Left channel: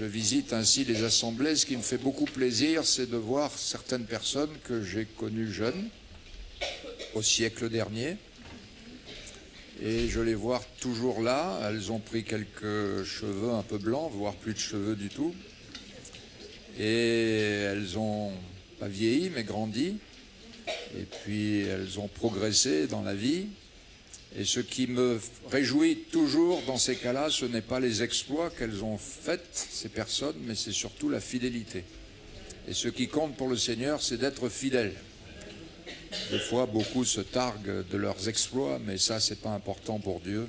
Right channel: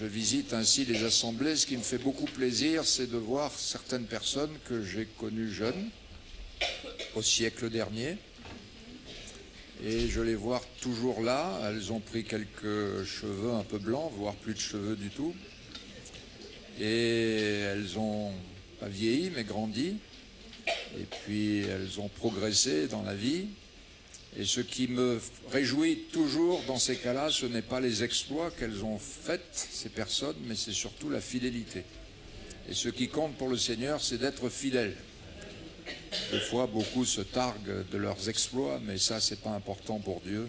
je visite ainsi les assemblées. Ce qui me fait beaucoup plaisir, c'est de voir certaines personnes que j'ai connues jeunes, au siècle dernier. Et je les vois toujours là. Elles ont pris quelques cheveux un peu blancs, voire plus de cheveux du tout. Et elles ont pas vieilli, mais grandi. Et puis elles ont progressé dans la vie. Et ce qui me réjouit toujours dans ces cas-là, ce n'est pas les exploits qu'elles ont faits, ces personnes, mais c'est surtout la fidélité. Et ce qui compte pour le Seigneur, c'est d'être fidèle. Des fois, beaucoup se targuent de leurs exploits, mais ça, c'est pas important pour Dieu.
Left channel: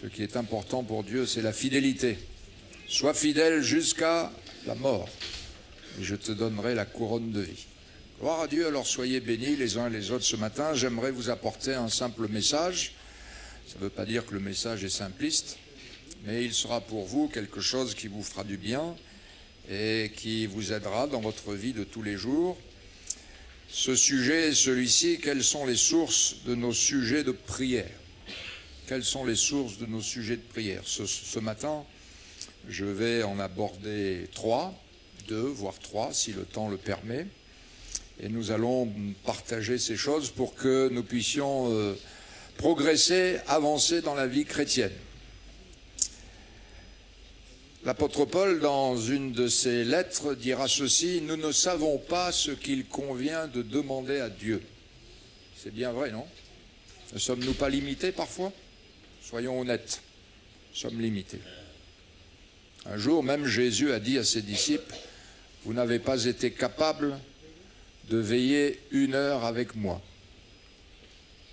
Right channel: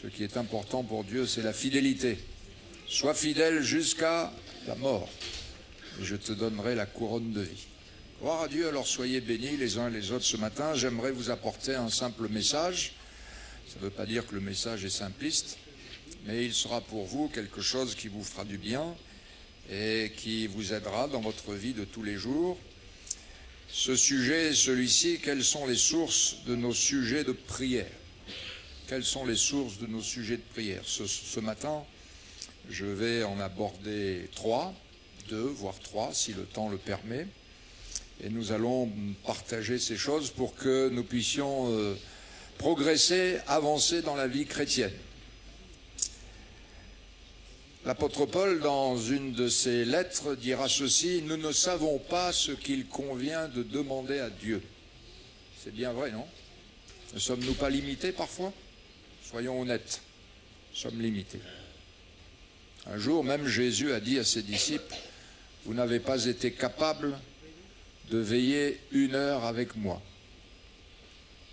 Ce qui est important pour Dieu, c'est la fidélité. Sois fidèle jusqu'à la mort, et je te donnerai la couronne de vie. Gloire à Dieu, alors soyez bénis les uns et les autres ce matin. J'aimerais vous apporter un simple message. Ça ne veut pas dire que le message est simpliste, mais il sera pour vous quelque chose qui vous fera du bien et qui vous aidera dans votre vie de tous les jours. Ce sujet est celui-ci: quelles sont les sources de nos sujets de prière? Quelles sont les sources de nos sujets de prière? Ce matin, je vais en aborder deux, voire trois, si le temps le permet. Et nous allons partager ces choses pour que nous puissions progresser, avancer dans la vie chrétienne. L'apôtre Paul, dans une de ses lettres, dira ceci: nous ne savons pas ce qu'il convient de demander à Dieu. C'est bien vrai, non? Ne sommes-nous pas limités parfois? Soyons honnêtes, nous sommes limités. Un jour, même Jésus a dit à ses disciples: vous n'avez pas été capables de veiller 1 heure avec moi.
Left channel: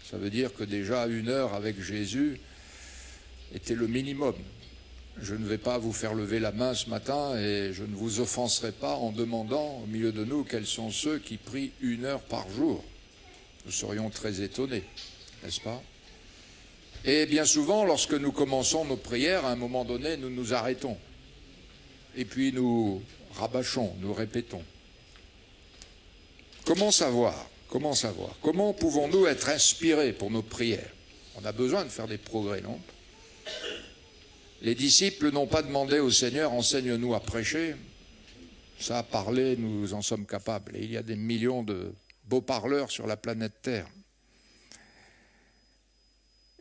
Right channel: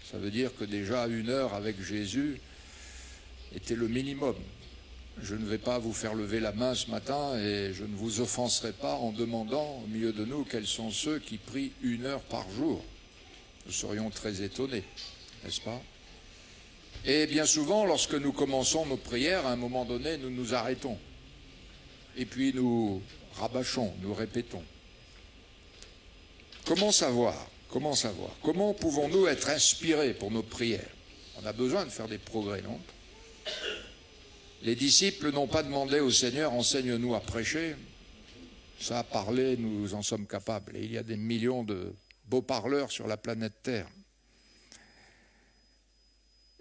Ça veut dire que déjà 1 heure avec Jésus était le minimum. Je ne vais pas vous faire lever la main ce matin et je ne vous offenserai pas en demandant au milieu de nous quels sont ceux qui prient 1 heure par jour. Nous serions très étonnés, n'est-ce pas? Et bien souvent, lorsque nous commençons nos prières, à un moment donné, nous nous arrêtons. Et puis nous rabâchons, nous répétons. Comment savoir? Comment pouvons-nous être inspirés pour nos prières? On a besoin de faire des progrès, non? Les disciples n'ont pas demandé au Seigneur: enseigne-nous à prêcher. Ça, à parler, nous en sommes capables. Et il y a des millions de beaux parleurs sur la planète Terre.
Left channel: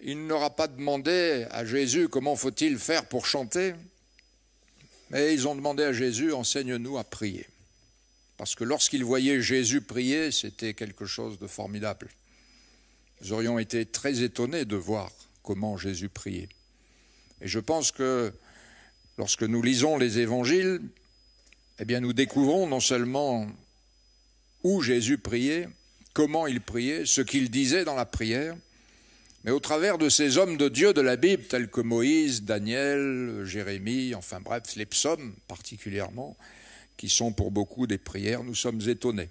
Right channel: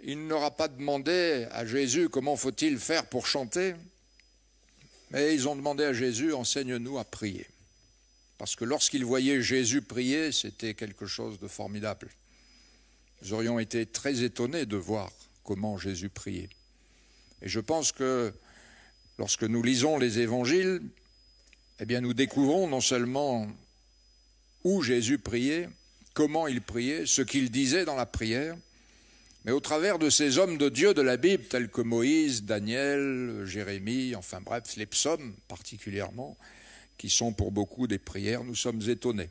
Il n'aura pas demandé à Jésus comment faut-il faire pour chanter, mais ils ont demandé à Jésus: enseigne-nous à prier. Parce que lorsqu'ils voyaient Jésus prier, c'était quelque chose de formidable. Nous aurions été très étonnés de voir comment Jésus priait. Et je pense que lorsque nous lisons les évangiles, eh bien nous découvrons non seulement où Jésus priait, comment il priait, ce qu'il disait dans la prière, mais au travers de ces hommes de Dieu de la Bible, tels que Moïse, Daniel, Jérémie, enfin bref, les psaumes particulièrement, qui sont pour beaucoup des prières, nous sommes étonnés.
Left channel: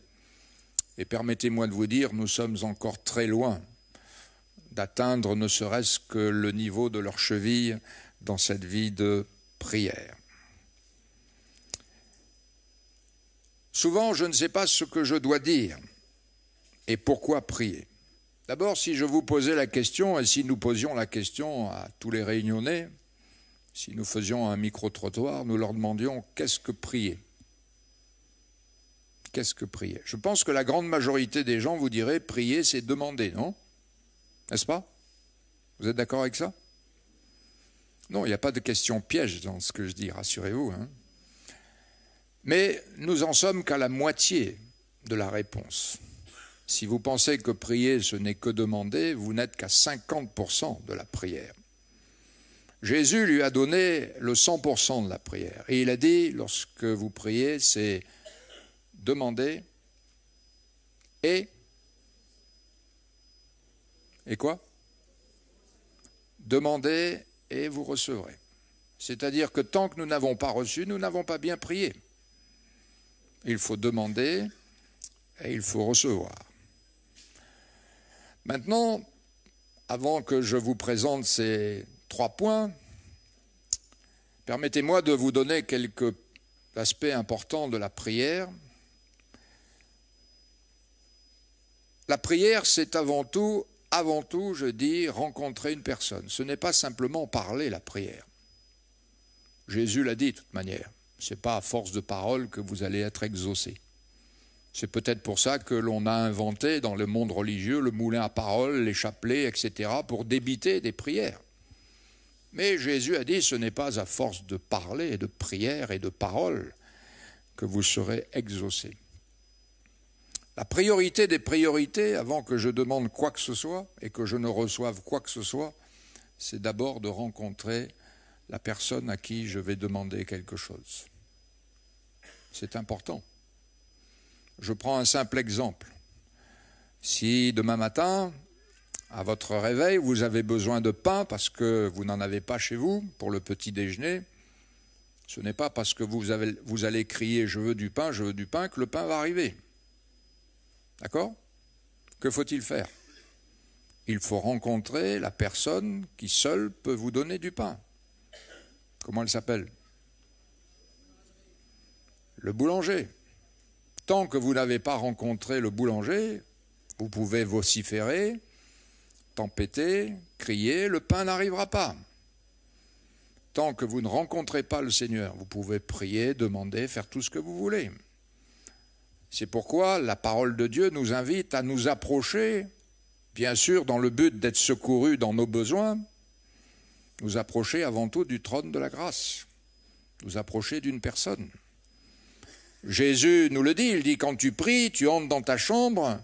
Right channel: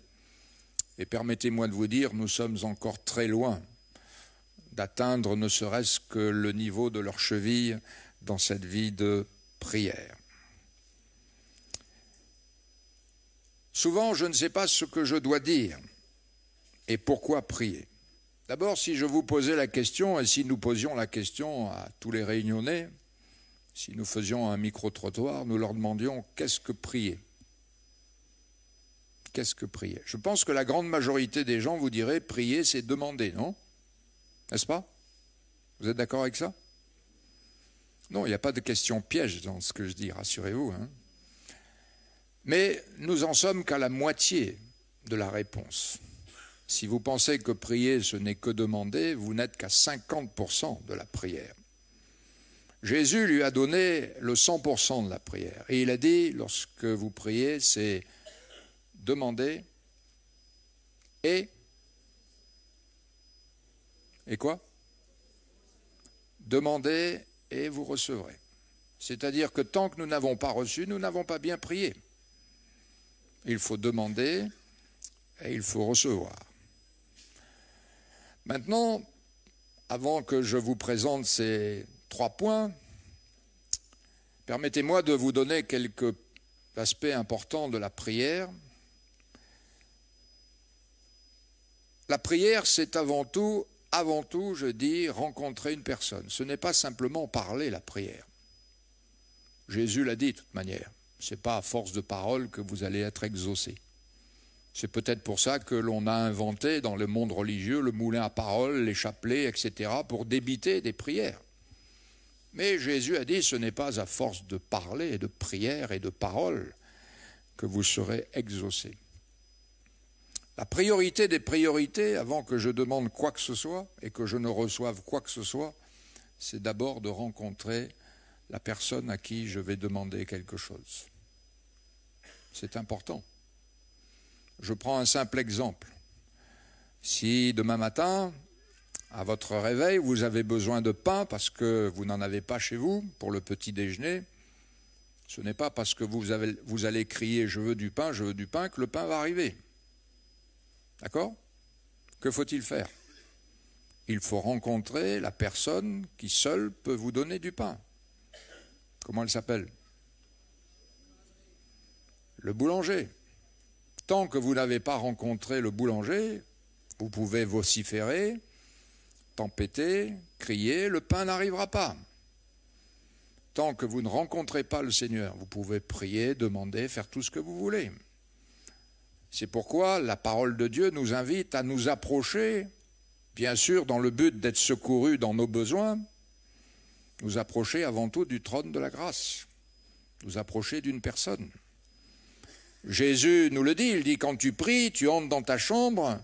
Et permettez-moi de vous dire, nous sommes encore très loin d'atteindre ne serait-ce que le niveau de leur cheville dans cette vie de prière. Souvent, je ne sais pas ce que je dois dire et pourquoi prier. D'abord, si je vous posais la question, et si nous posions la question à tous les Réunionnais, si nous faisions un micro-trottoir, nous leur demandions: qu'est-ce que prier? Qu'est-ce que prier? Je pense que la grande majorité des gens vous diraient: prier, c'est demander, non? N'est-ce pas? Vous êtes d'accord avec ça? Non, il n'y a pas de question piège dans ce que je dis, rassurez-vous. Hein. Mais nous en sommes qu'à la moitié de la réponse. Si vous pensez que prier, ce n'est que demander, vous n'êtes qu'à 50% de la prière. Jésus lui a donné le 100% de la prière. Et il a dit, lorsque vous priez, c'est demander et quoi? Demandez et vous recevrez. C'est-à-dire que tant que nous n'avons pas reçu, nous n'avons pas bien prié. Il faut demander et il faut recevoir. Maintenant, avant que je vous présente ces 3 points, permettez-moi de vous donner quelques aspects importants de la prière. La prière, c'est avant tout, je dis, rencontrer une personne. Ce n'est pas simplement parler la prière. Jésus l'a dit de toute manière. Ce n'est pas à force de parole que vous allez être exaucé. C'est peut-être pour ça que l'on a inventé dans le monde religieux le moulin à parole, les chapelets, etc., pour débiter des prières. Mais Jésus a dit, ce n'est pas à force de parler, de prières et de paroles que vous serez exaucés. La priorité des priorités, avant que je demande quoi que ce soit et que je ne reçoive quoi que ce soit, c'est d'abord de rencontrer la personne à qui je vais demander quelque chose. C'est important. Je prends un simple exemple. Si demain matin, à votre réveil, vous avez besoin de pain parce que vous n'en avez pas chez vous pour le petit déjeuner, ce n'est pas parce que vous allez crier « je veux du pain » que le pain va arriver. D'accord? Que faut-il faire? Il faut rencontrer la personne qui seule peut vous donner du pain. Comment elle s'appelle? Le boulanger. Tant que vous n'avez pas rencontré le boulanger, vous pouvez vociférer, tempêter, crier, le pain n'arrivera pas. Tant que vous ne rencontrez pas le Seigneur, vous pouvez prier, demander, faire tout ce que vous voulez. C'est pourquoi la parole de Dieu nous invite à nous approcher, bien sûr dans le but d'être secourus dans nos besoins, nous approcher avant tout du trône de la grâce, nous approcher d'une personne. Jésus nous le dit, il dit quand tu pries, tu entres dans ta chambre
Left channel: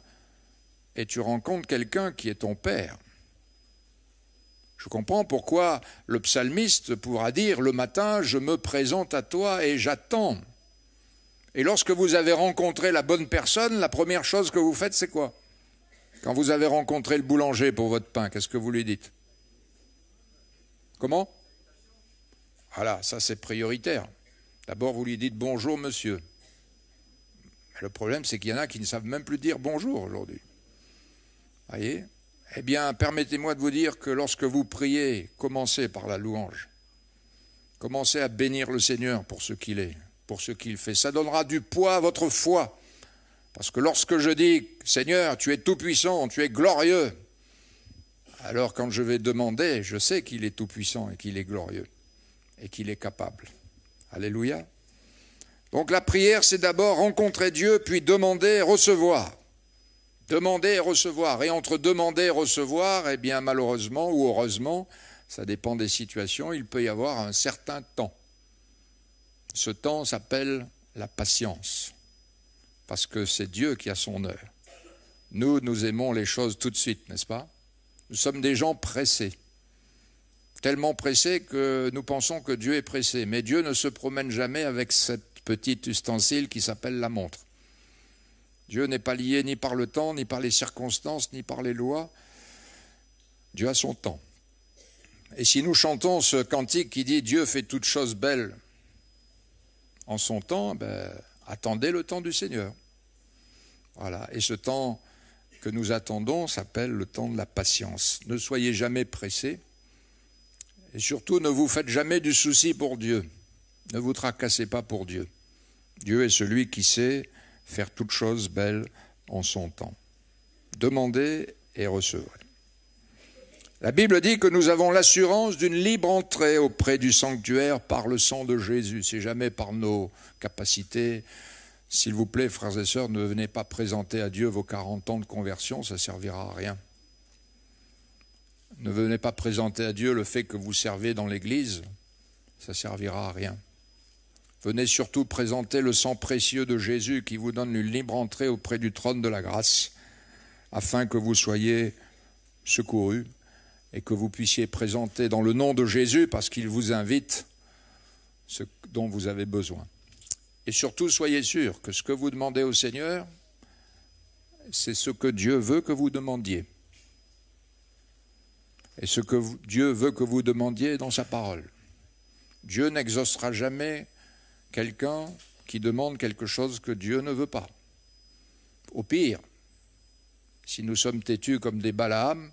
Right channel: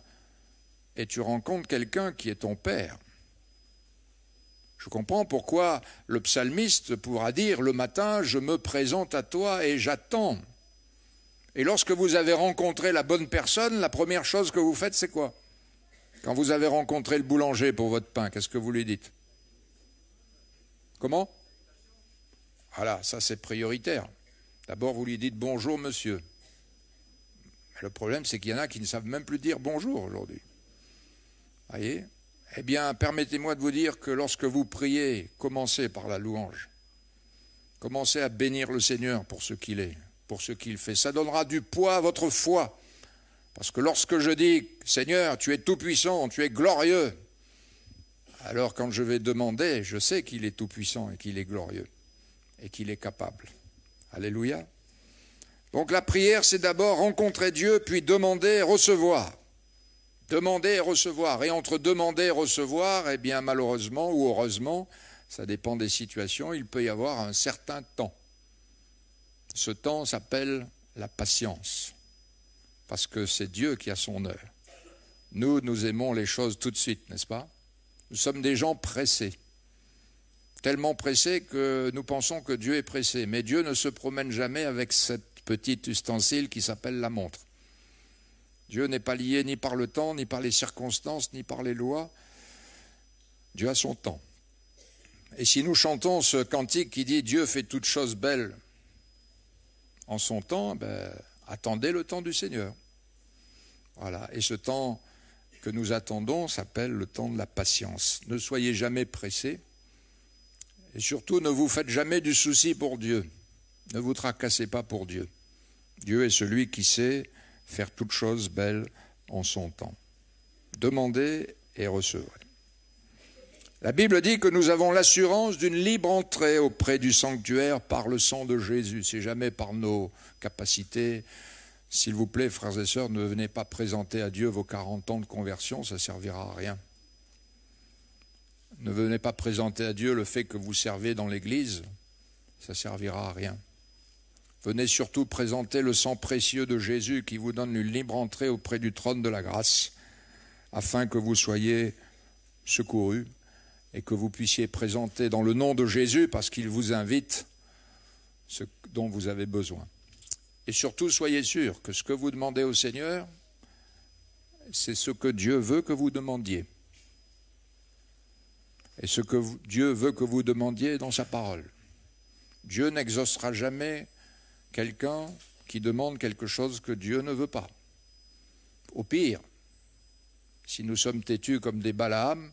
et tu rencontres quelqu'un qui est ton Père. Je comprends pourquoi le psalmiste pourra dire le matin, je me présente à toi et j'attends. Et lorsque vous avez rencontré la bonne personne, la première chose que vous faites, c'est quoi? Quand vous avez rencontré le boulanger pour votre pain, qu'est-ce que vous lui dites? Comment? Voilà, ça c'est prioritaire. D'abord, vous lui dites bonjour monsieur. Le problème, c'est qu'il y en a qui ne savent même plus dire bonjour aujourd'hui. Voyez? Eh bien, permettez-moi de vous dire que lorsque vous priez, commencez par la louange. Commencez à bénir le Seigneur pour ce qu'il est, pour ce qu'il fait. Ça donnera du poids à votre foi. Parce que lorsque je dis, Seigneur, tu es tout-puissant, tu es glorieux, alors quand je vais demander, je sais qu'il est tout-puissant et qu'il est glorieux et qu'il est capable. Alléluia. Donc la prière, c'est d'abord rencontrer Dieu, puis demander et recevoir. Demander et recevoir. Et entre demander et recevoir, eh bien malheureusement ou heureusement, ça dépend des situations, il peut y avoir un certain temps. Ce temps s'appelle la patience, parce que c'est Dieu qui a son heure. Nous aimons les choses tout de suite, n'est-ce pas? Nous sommes des gens pressés, tellement pressés que nous pensons que Dieu est pressé. Mais Dieu ne se promène jamais avec cette petite ustensile qui s'appelle la montre. Dieu n'est pas lié ni par le temps, ni par les circonstances, ni par les lois. Dieu a son temps. Et si nous chantons ce cantique qui dit « Dieu fait toutes choses belles en son temps », attendez le temps du Seigneur. Voilà. Et ce temps que nous attendons s'appelle le temps de la patience. Ne soyez jamais pressés. Et surtout, ne vous faites jamais du souci pour Dieu. Ne vous tracassez pas pour Dieu. Dieu est celui qui sait faire toutes choses belles en son temps. Demandez et recevrez. La Bible dit que nous avons l'assurance d'une libre entrée auprès du sanctuaire par le sang de Jésus. C'est jamais par nos capacités. S'il vous plaît, frères et sœurs, ne venez pas présenter à Dieu vos 40 ans de conversion, ça ne servira à rien. Ne venez pas présenter à Dieu le fait que vous servez dans l'Église, ça ne servira à rien. Venez surtout présenter le sang précieux de Jésus qui vous donne une libre entrée auprès du trône de la grâce, afin que vous soyez secourus et que vous puissiez présenter dans le nom de Jésus, parce qu'il vous invite, ce dont vous avez besoin. Et surtout, soyez sûrs que ce que vous demandez au Seigneur, c'est ce que Dieu veut que vous demandiez. Et ce que Dieu veut que vous demandiez dans sa parole. Dieu n'exaucera jamais quelqu'un qui demande quelque chose que Dieu ne veut pas. Au pire, si nous sommes têtus comme des Balaam,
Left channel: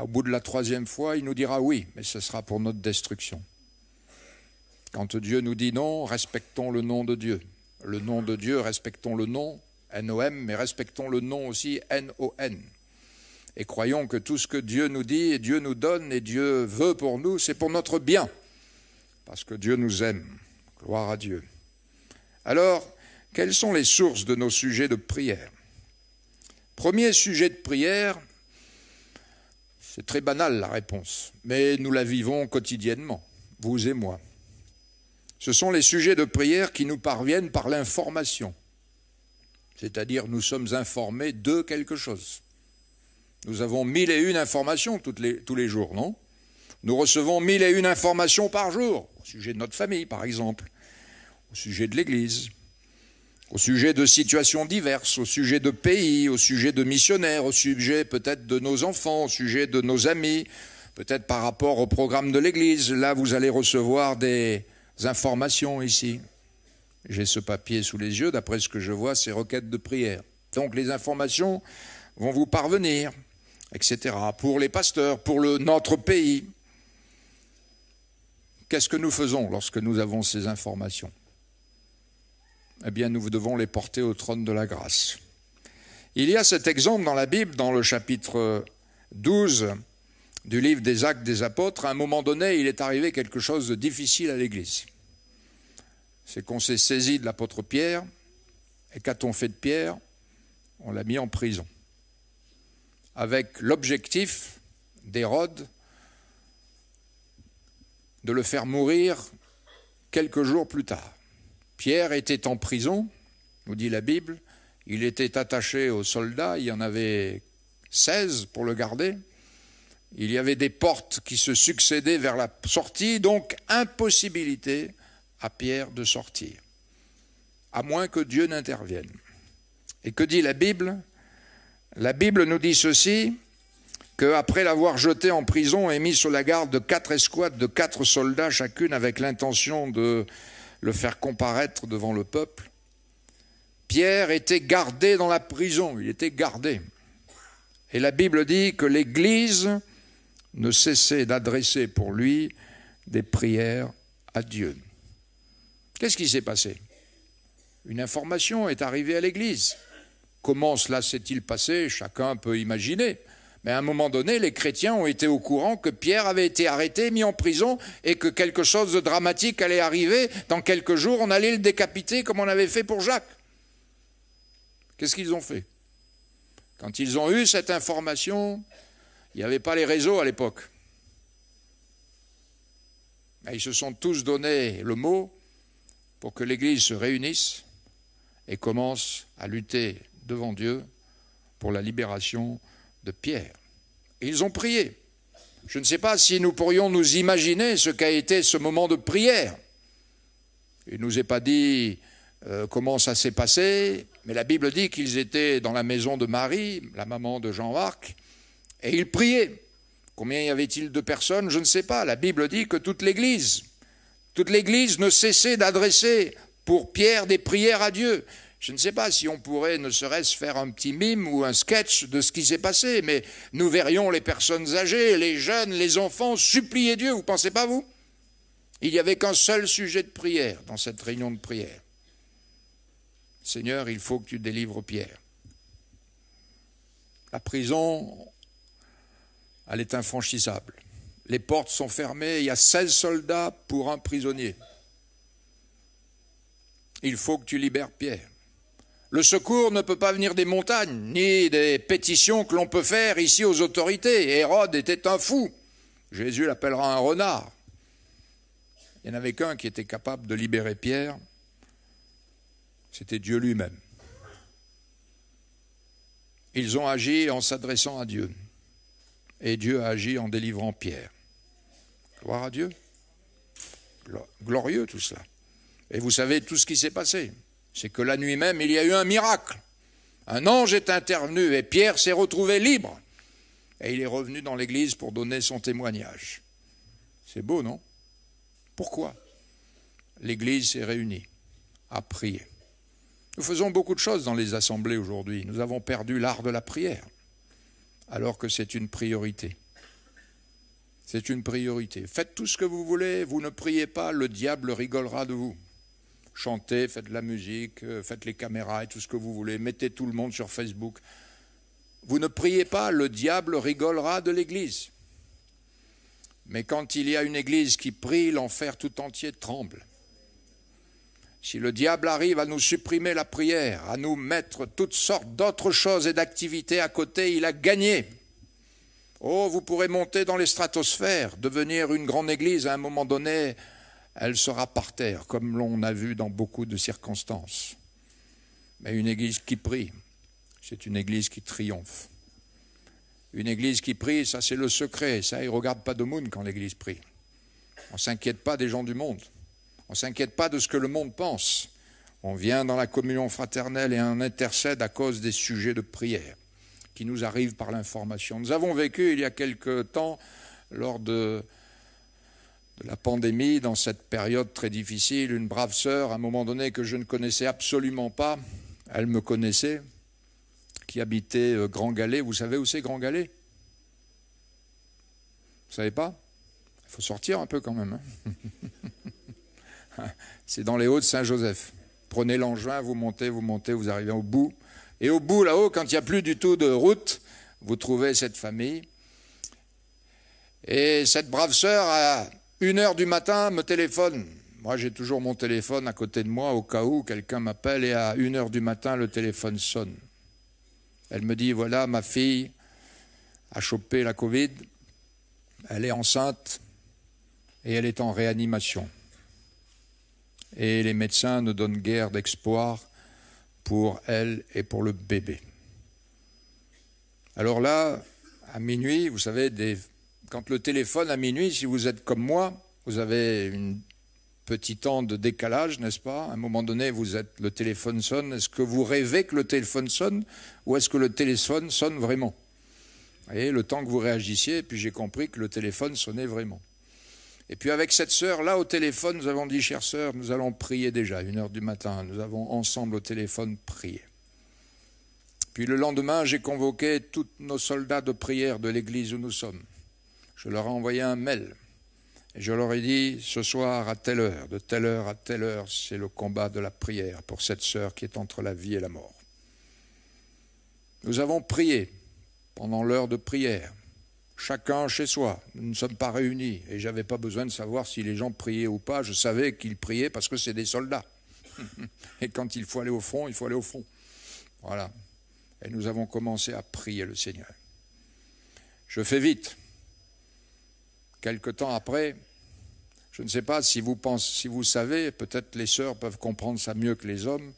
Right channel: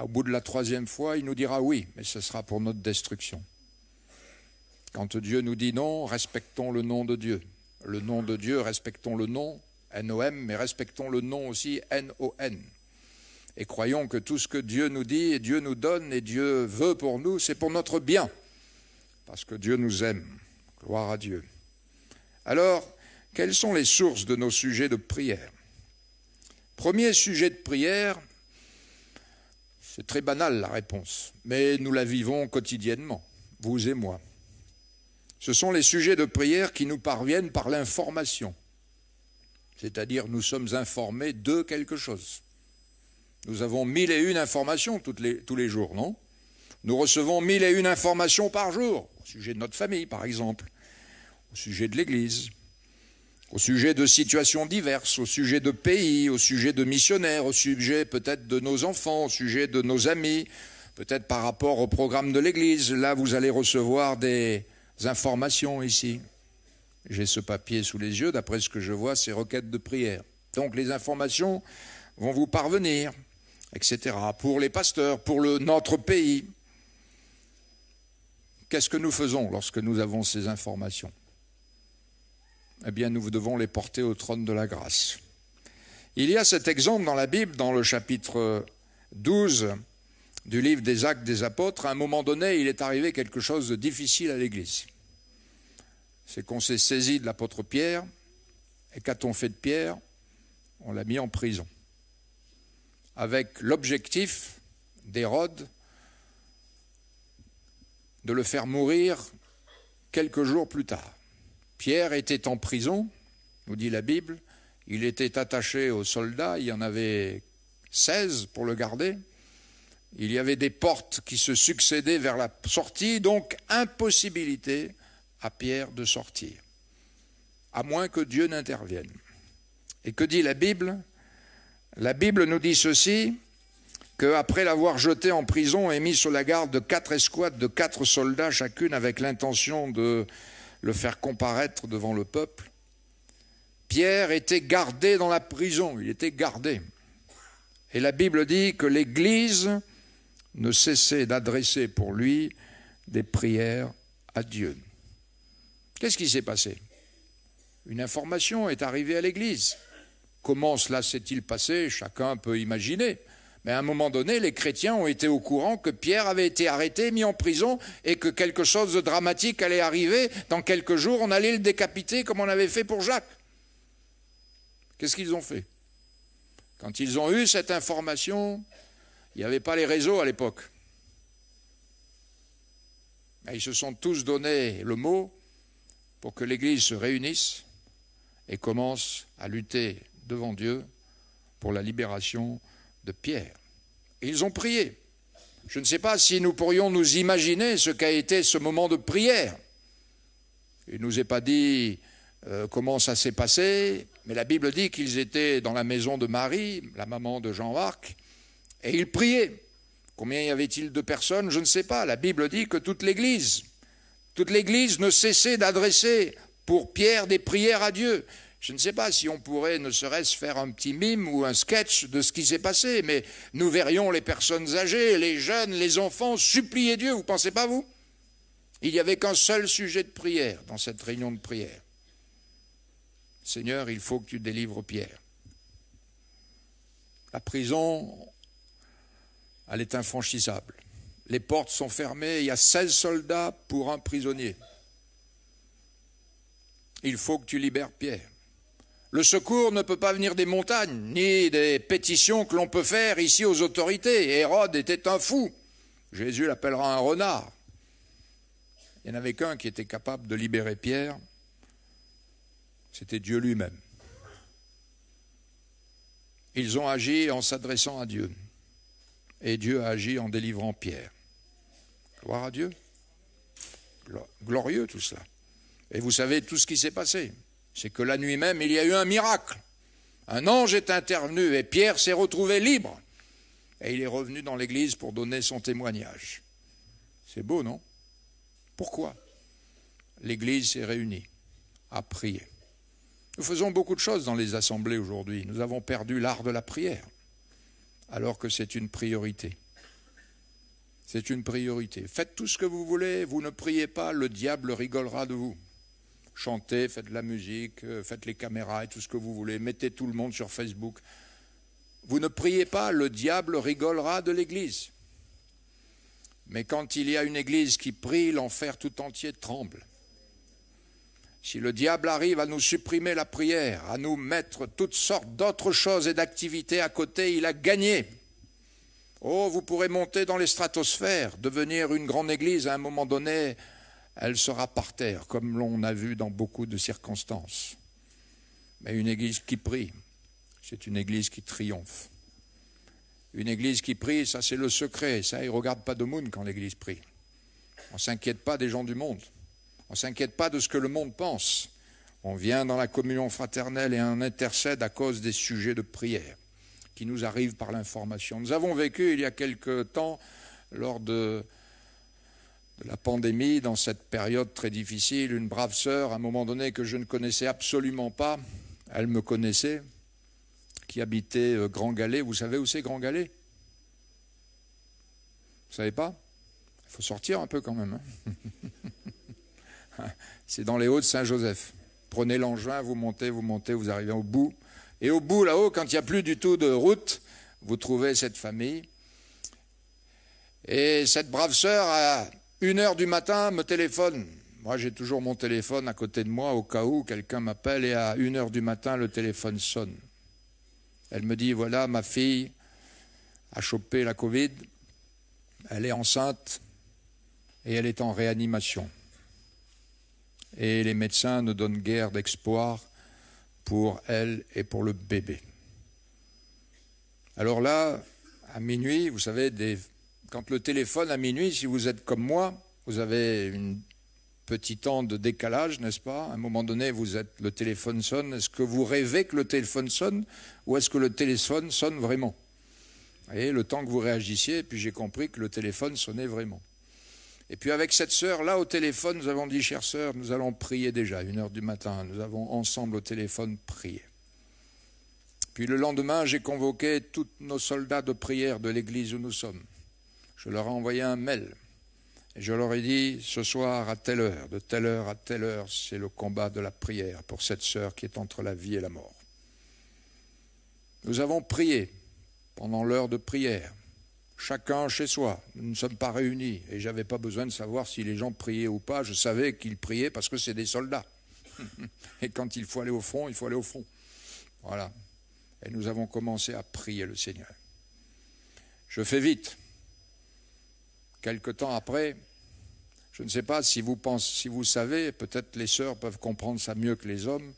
au bout de la 3e fois, il nous dira oui, mais ce sera pour notre destruction. Quand Dieu nous dit non, respectons le nom de Dieu. Le nom de Dieu, respectons le nom, N-O-M, mais respectons le nom aussi, N-O-N. Et croyons que tout ce que Dieu nous dit et Dieu nous donne et Dieu veut pour nous, c'est pour notre bien. Parce que Dieu nous aime. Gloire à Dieu. Alors, quelles sont les sources de nos sujets de prière? Premier sujet de prière, c'est très banal la réponse, mais nous la vivons quotidiennement, vous et moi. Ce sont les sujets de prière qui nous parviennent par l'information, c'est-à-dire nous sommes informés de quelque chose. Nous avons 1001 informations tous les jours, non? Nous recevons 1001 informations par jour, au sujet de notre famille par exemple, au sujet de l'Église, au sujet de situations diverses, au sujet de pays, au sujet de missionnaires, au sujet peut-être de nos enfants, au sujet de nos amis, peut-être par rapport au programme de l'Église. Là, vous allez recevoir des informations ici. J'ai ce papier sous les yeux, d'après ce que je vois, c'est requêtes de prière. Donc les informations vont vous parvenir, etc. Pour les pasteurs, pour notre pays. Qu'est-ce que nous faisons lorsque nous avons ces informations? Eh bien, nous devons les porter au trône de la grâce. Il y a cet exemple dans la Bible, dans le chapitre 12 du livre des Actes des Apôtres. À un moment donné, il est arrivé quelque chose de difficile à l'Église. C'est qu'on s'est saisi de l'apôtre Pierre, et qu'a-t-on fait de Pierre? On l'a mis en prison, avec l'objectif d'Hérode de le faire mourir quelques jours plus tard. Pierre était en prison, nous dit la Bible, il était attaché aux soldats, il y en avait 16 pour le garder, il y avait des portes qui se succédaient vers la sortie, donc impossibilité à Pierre de sortir, à moins que Dieu n'intervienne. Et que dit la Bible? La Bible nous dit ceci, qu'après l'avoir jeté en prison et mis sous la garde de 4 escouades de 4 soldats chacune avec l'intention de le faire comparaître devant le peuple, Pierre était gardé dans la prison, il était gardé. Et la Bible dit que l'Église ne cessait d'adresser pour lui des prières à Dieu. Qu'est-ce qui s'est passé? Une information est arrivée à l'Église. Comment cela s'est-il passé? Chacun peut imaginer. Mais à un moment donné, les chrétiens ont été au courant que Pierre avait été arrêté, mis en prison, et que quelque chose de dramatique allait arriver. Dans quelques jours, on allait le décapiter comme on avait fait pour Jacques. Qu'est-ce qu'ils ont fait? Quand ils ont eu cette information, il n'y avait pas les réseaux à l'époque. Mais ils se sont tous donné le mot pour que l'Église se réunisse et commence à lutter devant Dieu pour la libération de Pierre. Et ils ont prié. Je ne sais pas si nous pourrions nous imaginer ce qu'a été ce moment de prière. Il ne nous est pas dit comment ça s'est passé, mais la Bible dit qu'ils étaient dans la maison de Marie, la maman de Jean-Marc, et ils priaient. Combien y avait-il de personnes? Je ne sais pas. La Bible dit que toute l'Église ne cessait d'adresser pour Pierre des prières à Dieu. Je ne sais pas si on pourrait ne serait-ce faire un petit mime ou un sketch de ce qui s'est passé, mais nous verrions les personnes âgées, les jeunes, les enfants supplier Dieu, vous ne pensez pas, vous? Il n'y avait qu'un seul sujet de prière dans cette réunion de prière. Seigneur, il faut que tu délivres Pierre. La prison, elle est infranchissable. Les portes sont fermées, il y a 16 soldats pour un prisonnier. Il faut que tu libères Pierre. Le secours ne peut pas venir des montagnes, ni des pétitions que l'on peut faire ici aux autorités. Hérode était un fou. Jésus l'appellera un renard. Il n'y en avait qu'un qui était capable de libérer Pierre. C'était Dieu lui-même. Ils ont agi en s'adressant à Dieu. Et Dieu a agi en délivrant Pierre. Gloire à Dieu. Glorieux tout cela. Et vous savez tout ce qui s'est passé. C'est que la nuit même, il y a eu un miracle. Un ange est intervenu et Pierre s'est retrouvé libre. Et il est revenu dans l'église pour donner son témoignage. C'est beau, non? Pourquoi? L'église s'est réunie à prier. Nous faisons beaucoup de choses dans les assemblées aujourd'hui. Nous avons perdu l'art de la prière, alors que c'est une priorité. C'est une priorité. Faites tout ce que vous voulez, vous ne priez pas, le diable rigolera de vous. Chantez, faites de la musique, faites les caméras et tout ce que vous voulez, mettez tout le monde sur Facebook. Vous ne priez pas, le diable rigolera de l'Église. Mais quand il y a une Église qui prie, l'enfer tout entier tremble. Si le diable arrive à nous supprimer la prière, à nous mettre toutes sortes d'autres choses et d'activités à côté, il a gagné. Oh, vous pourrez monter dans les stratosphères, devenir une grande église, à un moment donné, elle sera par terre, comme l'on a vu dans beaucoup de circonstances. Mais une église qui prie, c'est une église qui triomphe. Une église qui prie, ça c'est le secret, ça, il ne regarde pas de moon quand l'église prie. On ne s'inquiète pas des gens du monde. On ne s'inquiète pas de ce que le monde pense. On vient dans la communion fraternelle et on intercède à cause des sujets de prière qui nous arrivent par l'information. Nous avons vécu il y a quelque temps, lors de la pandémie, dans cette période très difficile, une brave sœur, à un moment donné que je ne connaissais absolument pas, elle me connaissait, qui habitait Grand Galet. Vous savez où c'est Grand Galet? Vous savez pas? Il faut sortir un peu quand même. Hein. C'est dans les Hauts-de-Saint-Joseph. Prenez l'engin, vous montez, vous arrivez au bout. Et au bout, là-haut, quand il n'y a plus du tout de route, vous trouvez cette famille. Et cette brave sœur, à 1h du matin, me téléphone. Moi, j'ai toujours mon téléphone à côté de moi, au cas où quelqu'un m'appelle, et à 1h du matin, le téléphone sonne. Elle me dit, voilà, ma fille a chopé la Covid, elle est enceinte, et elle est en réanimation. Et les médecins ne donnent guère d'espoir pour elle et pour le bébé. Alors là, à minuit, vous savez, quand le téléphone à minuit, si vous êtes comme moi, vous avez une petit temps de décalage, n'est-ce pas? À un moment donné, le téléphone sonne. Est-ce que vous rêvez que le téléphone sonne ou est-ce que le téléphone sonne vraiment? Vous voyez, le temps que vous réagissiez, et puis j'ai compris que le téléphone sonnait vraiment. Et puis avec cette sœur-là au téléphone, nous avons dit, chère sœur, nous allons prier déjà, 1h du matin. Nous avons ensemble au téléphone prié. Puis le lendemain, j'ai convoqué tous nos soldats de prière de l'église où nous sommes. Je leur ai envoyé un mail. Et je leur ai dit, ce soir à telle heure, de telle heure à telle heure, c'est le combat de la prière pour cette sœur qui est entre la vie et la mort. Nous avons prié pendant l'heure de prière. Chacun chez soi, nous ne sommes pas réunis, et je n'avais pas besoin de savoir si les gens priaient ou pas, je savais qu'ils priaient parce que c'est des soldats. Et quand il faut aller au front, il faut aller au front. Voilà. Et nous avons commencé à prier le Seigneur. Je fais vite. Quelque temps après, je ne sais pas si vous savez, peut-être les sœurs peuvent comprendre ça mieux que les hommes,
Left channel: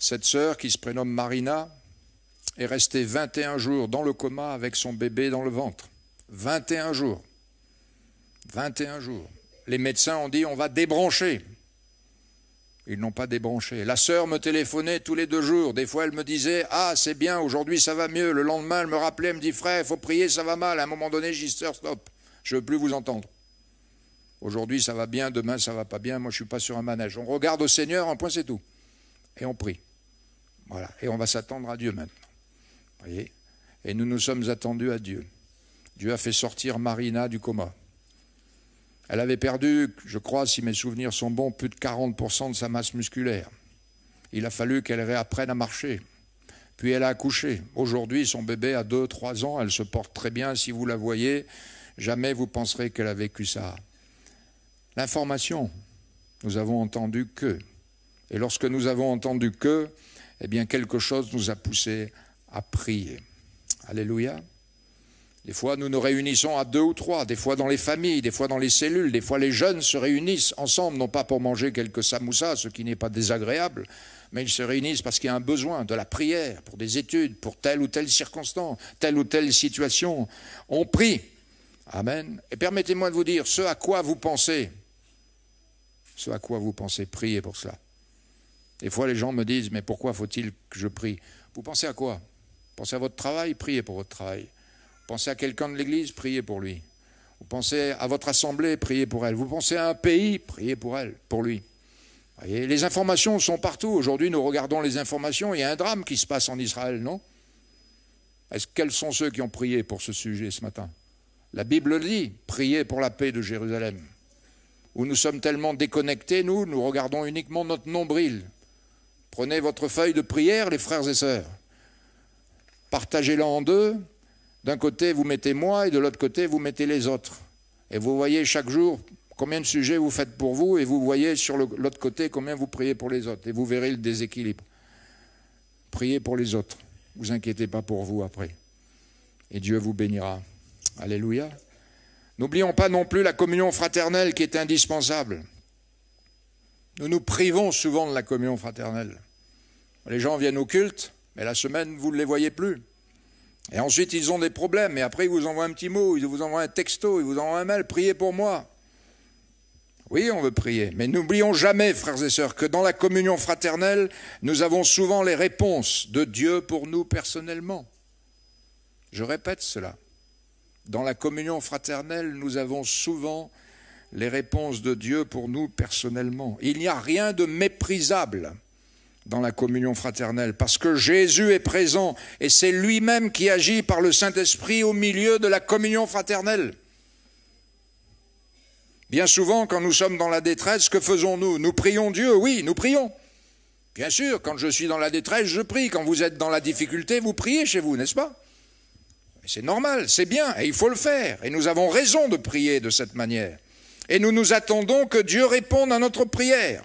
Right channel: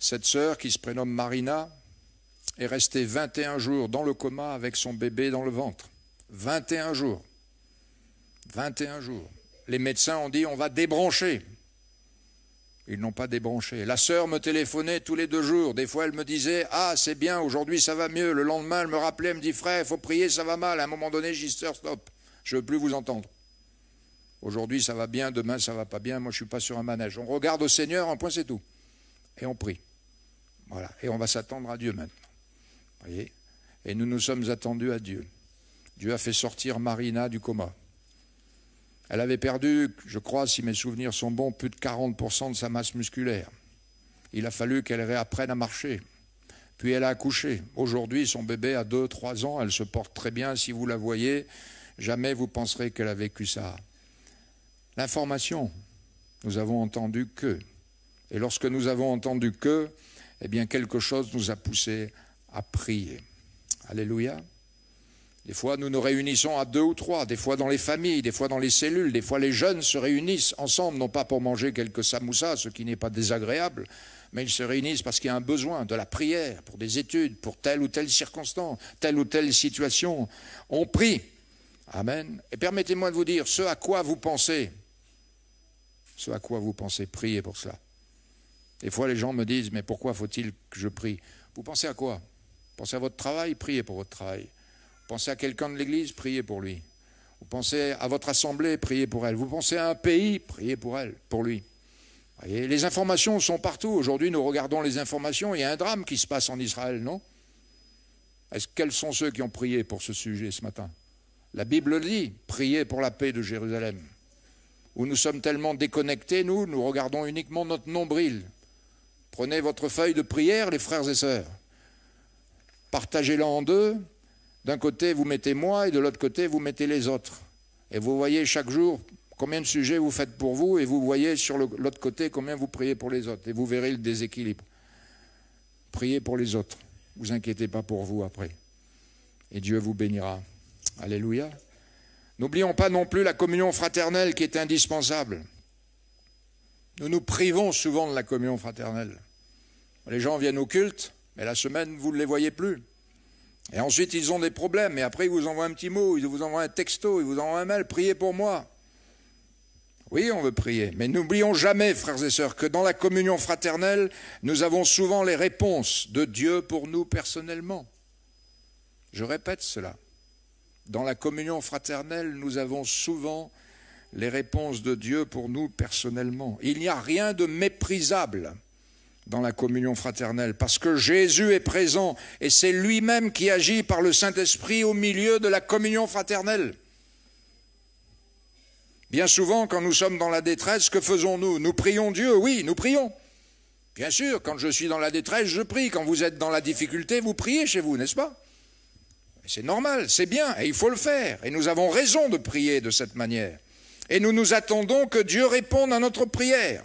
cette sœur qui se prénomme Marina est restée 21 jours dans le coma avec son bébé dans le ventre. 21 jours. 21 jours. Les médecins ont dit on va débrancher. Ils n'ont pas débranché. La sœur me téléphonait tous les 2 jours. Des fois, elle me disait « Ah, c'est bien, aujourd'hui ça va mieux. » Le lendemain, elle me rappelait, elle me dit « Frère, il faut prier, ça va mal. » À un moment donné, j'ai dit « Sœur, stop. Je ne veux plus vous entendre. Aujourd'hui, ça va bien, demain, ça ne va pas bien. Moi, je ne suis pas sur un manège. On regarde au Seigneur, un point, c'est tout. Et on prie. Voilà. Et on va s'attendre à Dieu maintenant. Vous voyez? Et nous nous sommes attendus à Dieu. Dieu a fait sortir Marina du coma. Elle avait perdu, je crois, si mes souvenirs sont bons, plus de 40% de sa masse musculaire. Il a fallu qu'elle réapprenne à marcher. Puis elle a accouché. Aujourd'hui, son bébé a 2-3 ans. Elle se porte très bien. Si vous la voyez, jamais vous penserez qu'elle a vécu ça. L'information, nous avons entendu que. Et lorsque nous avons entendu que, eh bien, quelque chose nous a poussé à prier. Alléluia. Des fois, nous nous réunissons à 2 ou 3, des fois dans les familles, des fois dans les cellules, des fois les jeunes se réunissent ensemble, non pas pour manger quelques samoussas, ce qui n'est pas désagréable, mais ils se réunissent parce qu'il y a un besoin de la prière, pour des études, pour telle ou telle circonstance, telle ou telle situation. On prie. Amen. Et permettez-moi de vous dire, ce à quoi vous pensez, priez pour cela. Des fois, les gens me disent, mais pourquoi faut-il que je prie? Vous pensez à quoi? Vous pensez à votre travail? Priez pour votre travail. Vous pensez à quelqu'un de l'église, priez pour lui. Vous pensez à votre assemblée, priez pour elle. Vous pensez à un pays, priez pour elle, pour lui. Voyez, les informations sont partout. Aujourd'hui, nous regardons les informations. Il y a un drame qui se passe en Israël, non? Quels sont ceux qui ont prié pour ce sujet ce matin? La Bible dit, priez pour la paix de Jérusalem. Où nous sommes tellement déconnectés, nous regardons uniquement notre nombril. Prenez votre feuille de prière, les frères et sœurs. Partagez-la en 2. D'un côté, vous mettez moi, et de l'autre côté, vous mettez les autres. Et vous voyez chaque jour Combien de sujets vous faites pour vous et vous voyez sur l'autre côté combien vous priez pour les autres. Et vous verrez le déséquilibre. Priez pour les autres. Ne vous inquiétez pas pour vous après. Et Dieu vous bénira. Alléluia. N'oublions pas non plus la communion fraternelle qui est indispensable. Nous nous privons souvent de la communion fraternelle. Les gens viennent au culte, mais la semaine, vous ne les voyez plus. Et ensuite, ils ont des problèmes. Et après, ils vous envoient un petit mot, ils vous envoient un texto, ils vous envoient un mail, priez pour moi. Oui, on veut prier. Mais n'oublions jamais, frères et sœurs, que dans la communion fraternelle, nous avons souvent les réponses de Dieu pour nous personnellement. Je répète cela. Dans la communion fraternelle, nous avons souvent les réponses de Dieu pour nous personnellement. Il n'y a rien de méprisable dans la communion fraternelle, parce que Jésus est présent et c'est lui-même qui agit par le Saint-Esprit au milieu de la communion fraternelle. Bien souvent, quand nous sommes dans la détresse, que faisons-nous? Nous prions Dieu, oui, nous prions. Bien sûr, quand je suis dans la détresse, je prie. Quand vous êtes dans la difficulté, vous priez chez vous, n'est-ce pas? C'est normal, c'est bien, et il faut le faire. Et nous avons raison de prier de cette manière. Et nous nous attendons que Dieu réponde à notre prière.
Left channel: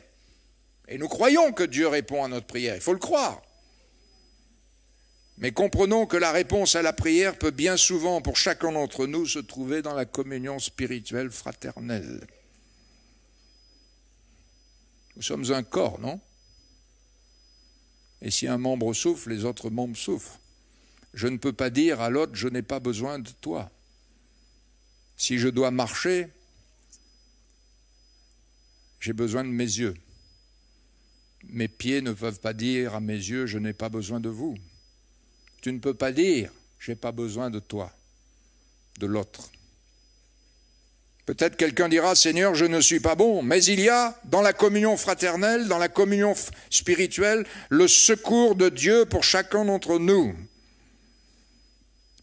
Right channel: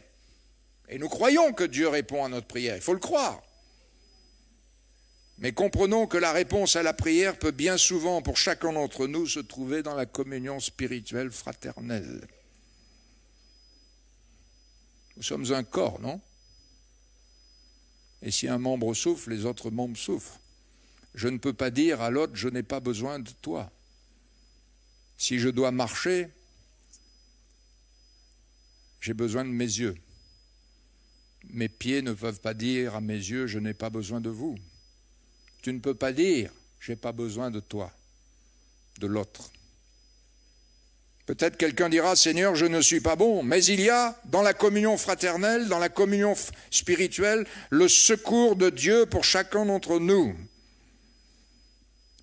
Et nous croyons que Dieu répond à notre prière, il faut le croire. Mais comprenons que la réponse à la prière peut bien souvent, pour chacun d'entre nous, se trouver dans la communion spirituelle fraternelle. Nous sommes un corps, non? Et si un membre souffre, les autres membres souffrent. Je ne peux pas dire à l'autre, je n'ai pas besoin de toi. Si je dois marcher, j'ai besoin de mes yeux. Mes pieds ne peuvent pas dire à mes yeux, je n'ai pas besoin de vous. Tu ne peux pas dire, je n'ai pas besoin de toi, de l'autre. Peut-être quelqu'un dira, Seigneur, je ne suis pas bon, mais il y a dans la communion fraternelle, dans la communion spirituelle, le secours de Dieu pour chacun d'entre nous.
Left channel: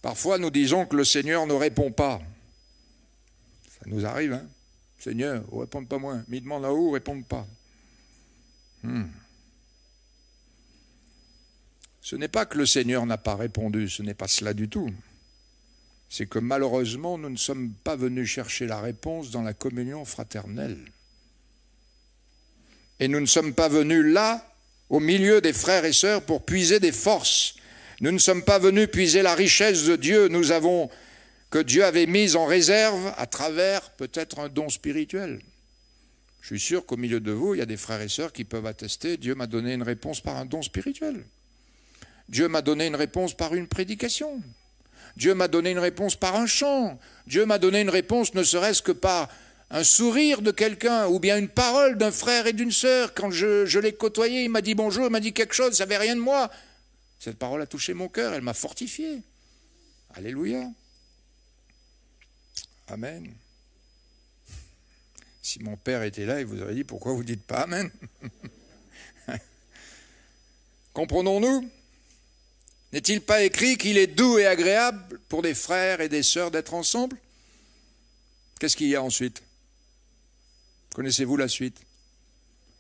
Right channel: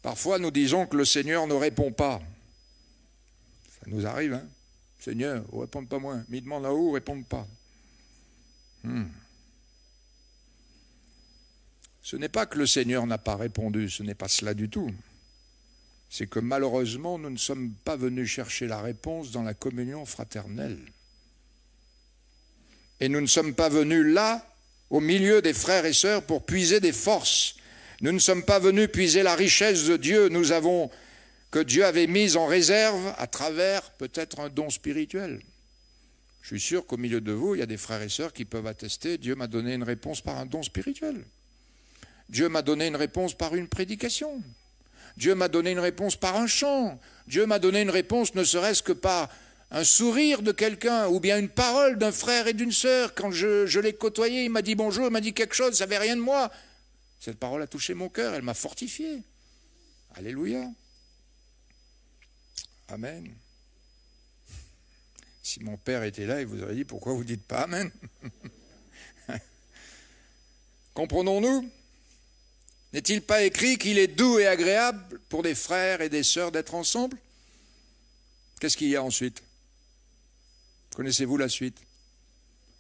Parfois, nous disons que le Seigneur ne répond pas. Ça nous arrive, hein? Seigneur, ne réponde pas moi. Mais il demande là-haut, ne réponde pas. Ce n'est pas que le Seigneur n'a pas répondu, ce n'est pas cela du tout. C'est que malheureusement, nous ne sommes pas venus chercher la réponse dans la communion fraternelle. Et nous ne sommes pas venus là, au milieu des frères et sœurs, pour puiser des forces. Nous ne sommes pas venus puiser la richesse de Dieu, que Dieu avait mise en réserve à travers peut-être un don spirituel. Je suis sûr qu'au milieu de vous, il y a des frères et sœurs qui peuvent attester, Dieu m'a donné une réponse par un don spirituel. Dieu m'a donné une réponse par une prédication. Dieu m'a donné une réponse par un chant. Dieu m'a donné une réponse ne serait-ce que par un sourire de quelqu'un ou bien une parole d'un frère et d'une sœur. Quand je l'ai côtoyé, il m'a dit bonjour, il m'a dit quelque chose, il ne savait rien de moi. Cette parole a touché mon cœur, elle m'a fortifié. Alléluia. Amen. Si mon père était là, il vous aurait dit pourquoi vous ne dites pas Amen. Comprenons-nous? N'est-il pas écrit qu'il est doux et agréable pour des frères et des sœurs d'être ensemble? Qu'est-ce qu'il y a ensuite? Connaissez-vous la suite?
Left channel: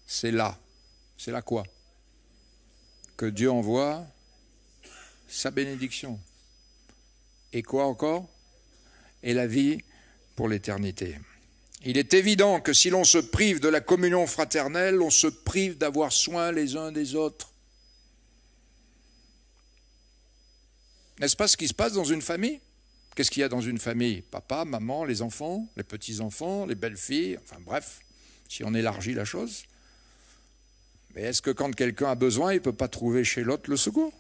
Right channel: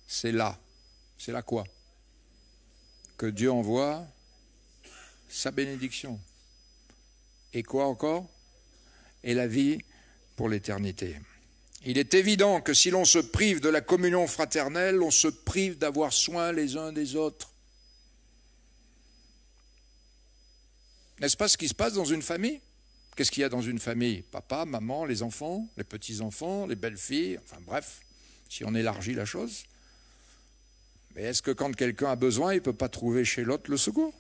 C'est là. C'est là quoi? Que Dieu envoie sa bénédiction. Et quoi encore? Et la vie pour l'éternité. Il est évident que si l'on se prive de la communion fraternelle, on se prive d'avoir soin les uns des autres. N'est-ce pas ce qui se passe dans une famille? Qu'est-ce qu'il y a dans une famille? Papa, maman, les enfants, les petits-enfants, les belles-filles, enfin bref, si on élargit la chose. Mais est-ce que quand quelqu'un a besoin, il ne peut pas trouver chez l'autre le secours?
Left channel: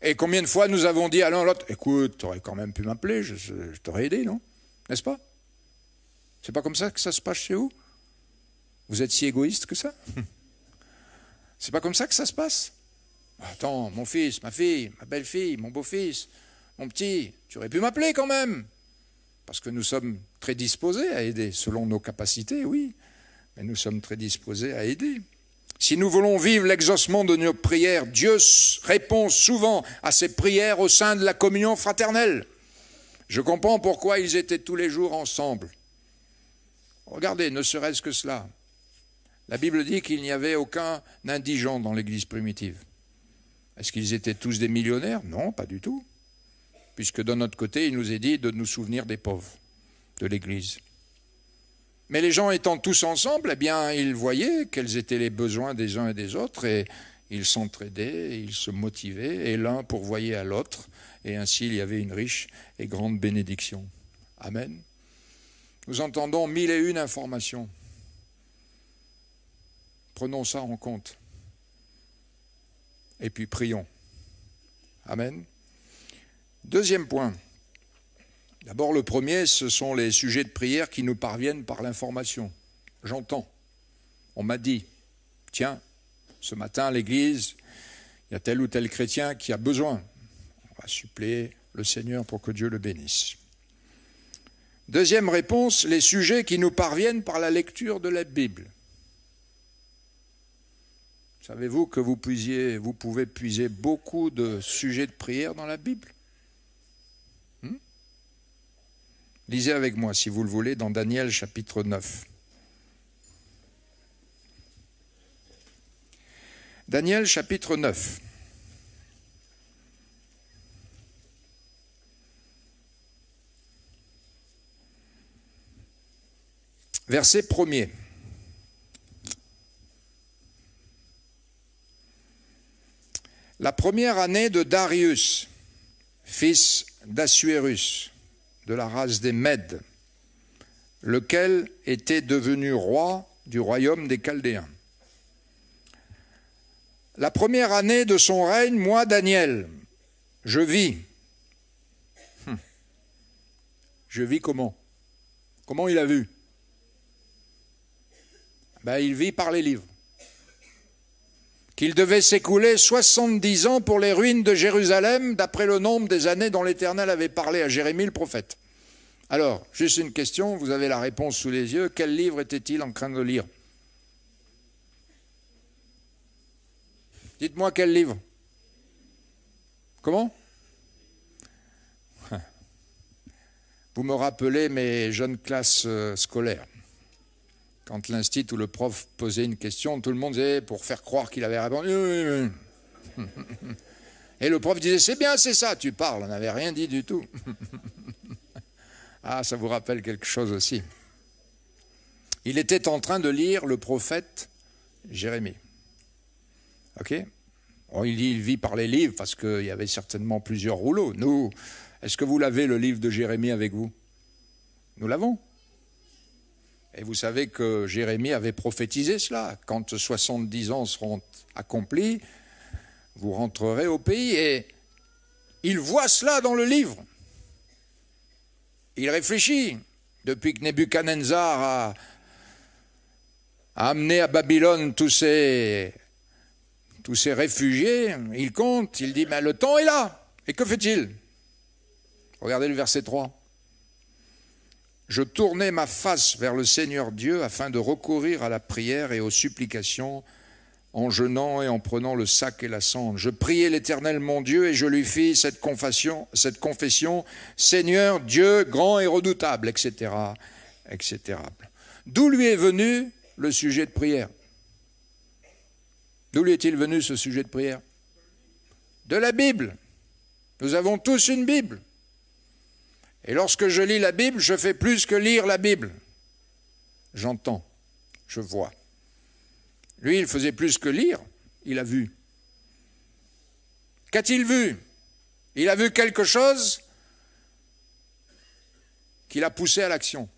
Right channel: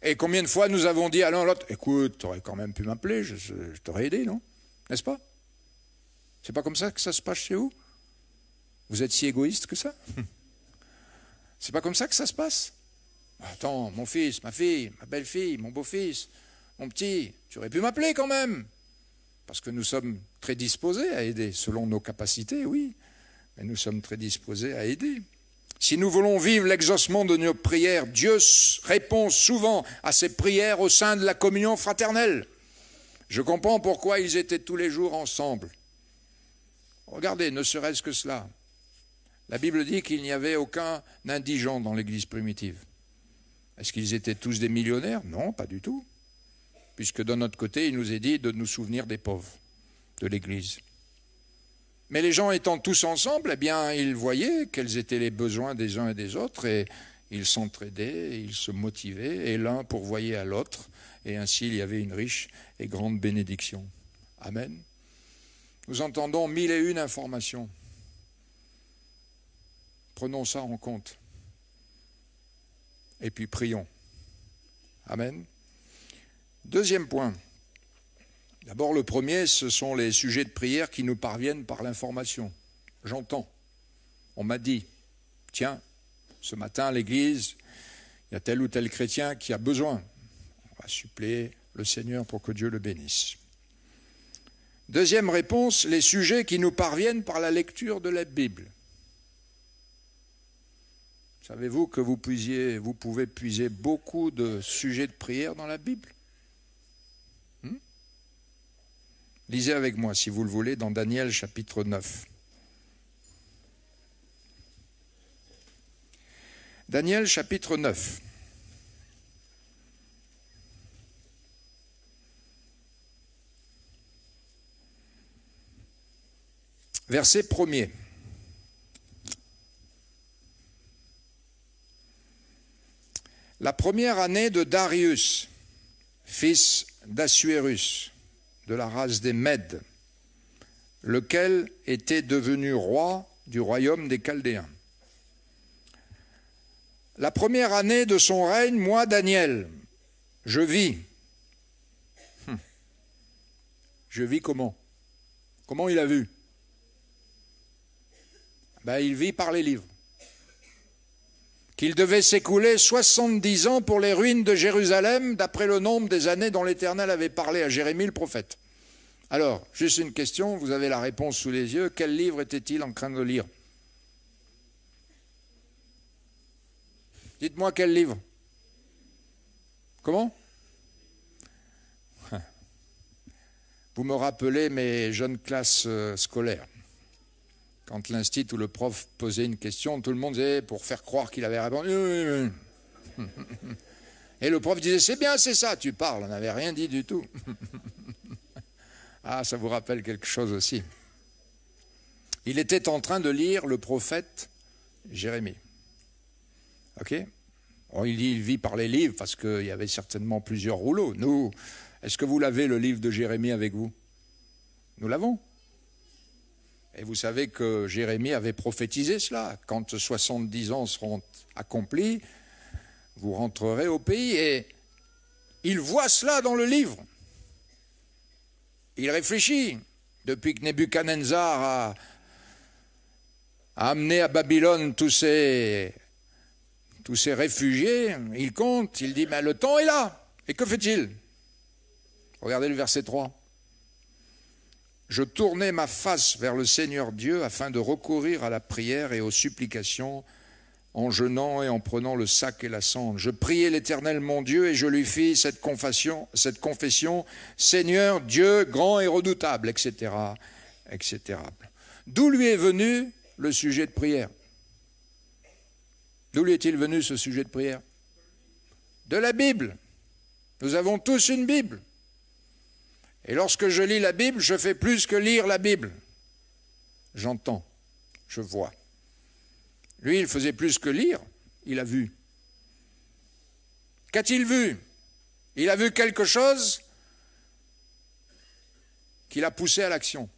Et combien de fois nous avons dit à l'un l'autre, écoute, tu aurais quand même pu m'appeler, je t'aurais aidé, non? N'est-ce pas? C'est pas comme ça que ça se passe chez vous? Vous êtes si égoïste que ça? C'est pas comme ça que ça se passe? Attends, mon fils, ma fille, ma belle-fille, mon beau-fils, mon petit, tu aurais pu m'appeler quand même. Parce que nous sommes très disposés à aider, selon nos capacités, oui. Mais nous sommes très disposés à aider. Si nous voulons vivre l'exaucement de nos prières, Dieu répond souvent à ces prières au sein de la communion fraternelle. Je comprends pourquoi ils étaient tous les jours ensemble. Regardez, ne serait-ce que cela. La Bible dit qu'il n'y avait aucun indigent dans l'Église primitive. Est-ce qu'ils étaient tous des millionnaires? Non, pas du tout. Puisque de notre côté, il nous est dit de nous souvenir des pauvres, de l'Église. Mais les gens étant tous ensemble, eh bien, ils voyaient quels étaient les besoins des uns et des autres, et ils s'entraidaient, ils se motivaient, et l'un pourvoyait à l'autre, et ainsi il y avait une riche et grande bénédiction. Amen. Nous entendons 1001 informations. Prenons ça en compte. Et puis prions. Amen. Deuxième point. D'abord, le premier, ce sont les sujets de prière qui nous parviennent par l'information. J'entends. On m'a dit, tiens, ce matin à l'église, il y a tel ou tel chrétien qui a besoin. On va suppléer le Seigneur pour que Dieu le bénisse. Deuxième réponse, les sujets qui nous parviennent par la lecture de la Bible. Savez-vous que vous pouvez puiser beaucoup de sujets de prière dans la Bible? Lisez avec moi, si vous le voulez, dans Daniel chapitre 9. Daniel chapitre 9. Verset 1er. La première année de Darius, fils d'Assuérus, de la race des Mèdes, lequel était devenu roi du royaume des Chaldéens. La première année de son règne, moi, Daniel, je vis. Je vis comment? Comment il a vu? Il vit par les livres. Qu'il devait s'écouler 70 ans pour les ruines de Jérusalem, d'après le nombre des années dont l'Éternel avait parlé à Jérémie le prophète. Alors, juste une question, vous avez la réponse sous les yeux. Quel livre était-il en train de lire? Dites-moi quel livre? Comment? Vous me rappelez mes jeunes classes scolaires. Quand l'institut ou le prof posait une question, tout le monde disait, pour faire croire qu'il avait répondu. Et le prof disait, c'est bien, c'est ça, tu parles, on n'avait rien dit du tout. Ah, ça vous rappelle quelque chose aussi. Il était en train de lire le prophète Jérémie. Ok? Bon, il vit par les livres, parce qu'il y avait certainement plusieurs rouleaux. Nous, est-ce que vous l'avez, le livre de Jérémie, avec vous? Nous l'avons. Et vous savez que Jérémie avait prophétisé cela. Quand 70 ans seront accomplis, vous rentrerez au pays. Et il voit cela dans le livre. Il réfléchit. Depuis que Nebuchadnezzar a amené à Babylone tous ces réfugiés, il compte, il dit, mais le temps est là. Et que fait-il? Regardez le verset 3. Je tournai ma face vers le Seigneur Dieu afin de recourir à la prière et aux supplications en jeûnant et en prenant le sac et la cendre. Je priai l'Éternel mon Dieu et je lui fis cette confession, Seigneur Dieu grand et redoutable, etc., etc. D'où lui est venu le sujet de prière? D'où lui est-il venu ce sujet de prière? De la Bible. Nous avons tous une Bible. Et lorsque je lis la Bible, je fais plus que lire la Bible. J'entends, je vois. Lui, il faisait plus que lire, il a vu. Qu'a-t-il vu? Il a vu quelque chose qui l'a poussé à l'action.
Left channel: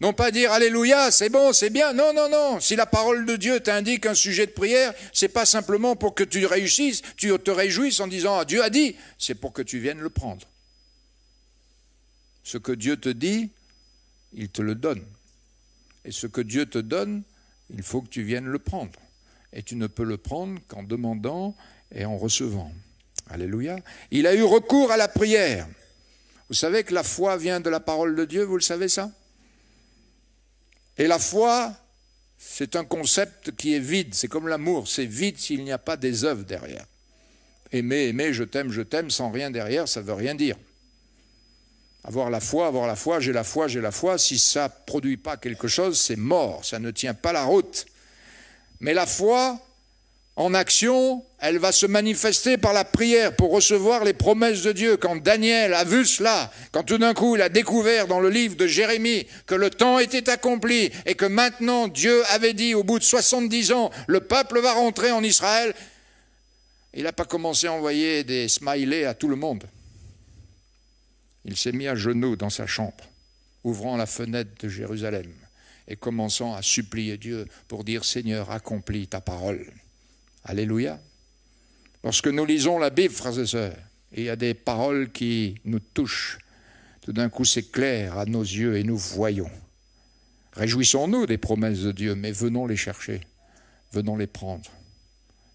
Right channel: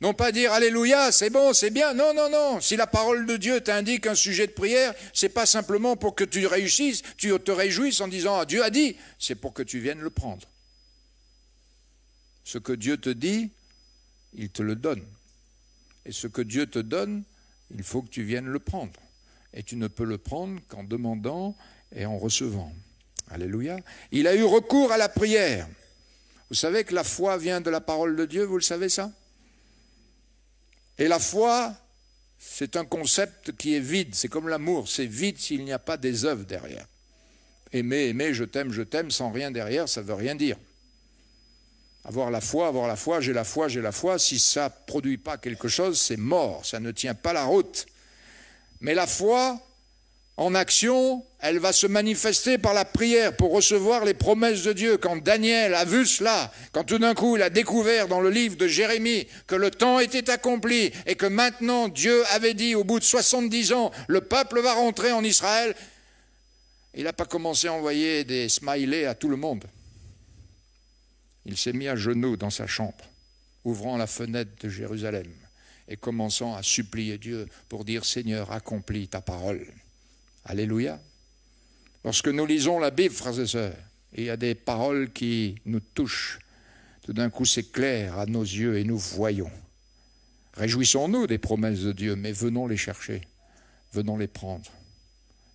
Non pas dire Alléluia, c'est bon, c'est bien. Non, non, non. Si la parole de Dieu t'indique un sujet de prière, c'est pas simplement pour que tu réussisses, tu te réjouisses en disant ah, Dieu a dit, c'est pour que tu viennes le prendre. Ce que Dieu te dit, il te le donne. Et ce que Dieu te donne, il faut que tu viennes le prendre. Et tu ne peux le prendre qu'en demandant et en recevant. Alléluia. Il a eu recours à la prière. Vous savez que la foi vient de la parole de Dieu, vous le savez ça? Et la foi, c'est un concept qui est vide. C'est comme l'amour, c'est vide s'il n'y a pas des œuvres derrière. Aimer, aimer, je t'aime, sans rien derrière, ça ne veut rien dire. Avoir la foi, j'ai la foi, si ça ne produit pas quelque chose, c'est mort, ça ne tient pas la route. Mais la foi, en action, elle va se manifester par la prière pour recevoir les promesses de Dieu. Quand Daniel a vu cela, quand tout d'un coup il a découvert dans le livre de Jérémie que le temps était accompli et que maintenant Dieu avait dit au bout de 70 ans, le peuple va rentrer en Israël, il n'a pas commencé à envoyer des smileys à tout le monde. Il s'est mis à genoux dans sa chambre, ouvrant la fenêtre de Jérusalem et commençant à supplier Dieu pour dire « Seigneur, accomplis ta parole ». Alléluia. Lorsque nous lisons la Bible, frères et sœurs, il y a des paroles qui nous touchent. Tout d'un coup, c'est clair à nos yeux et nous voyons. Réjouissons-nous des promesses de Dieu, mais venons les chercher, venons les prendre.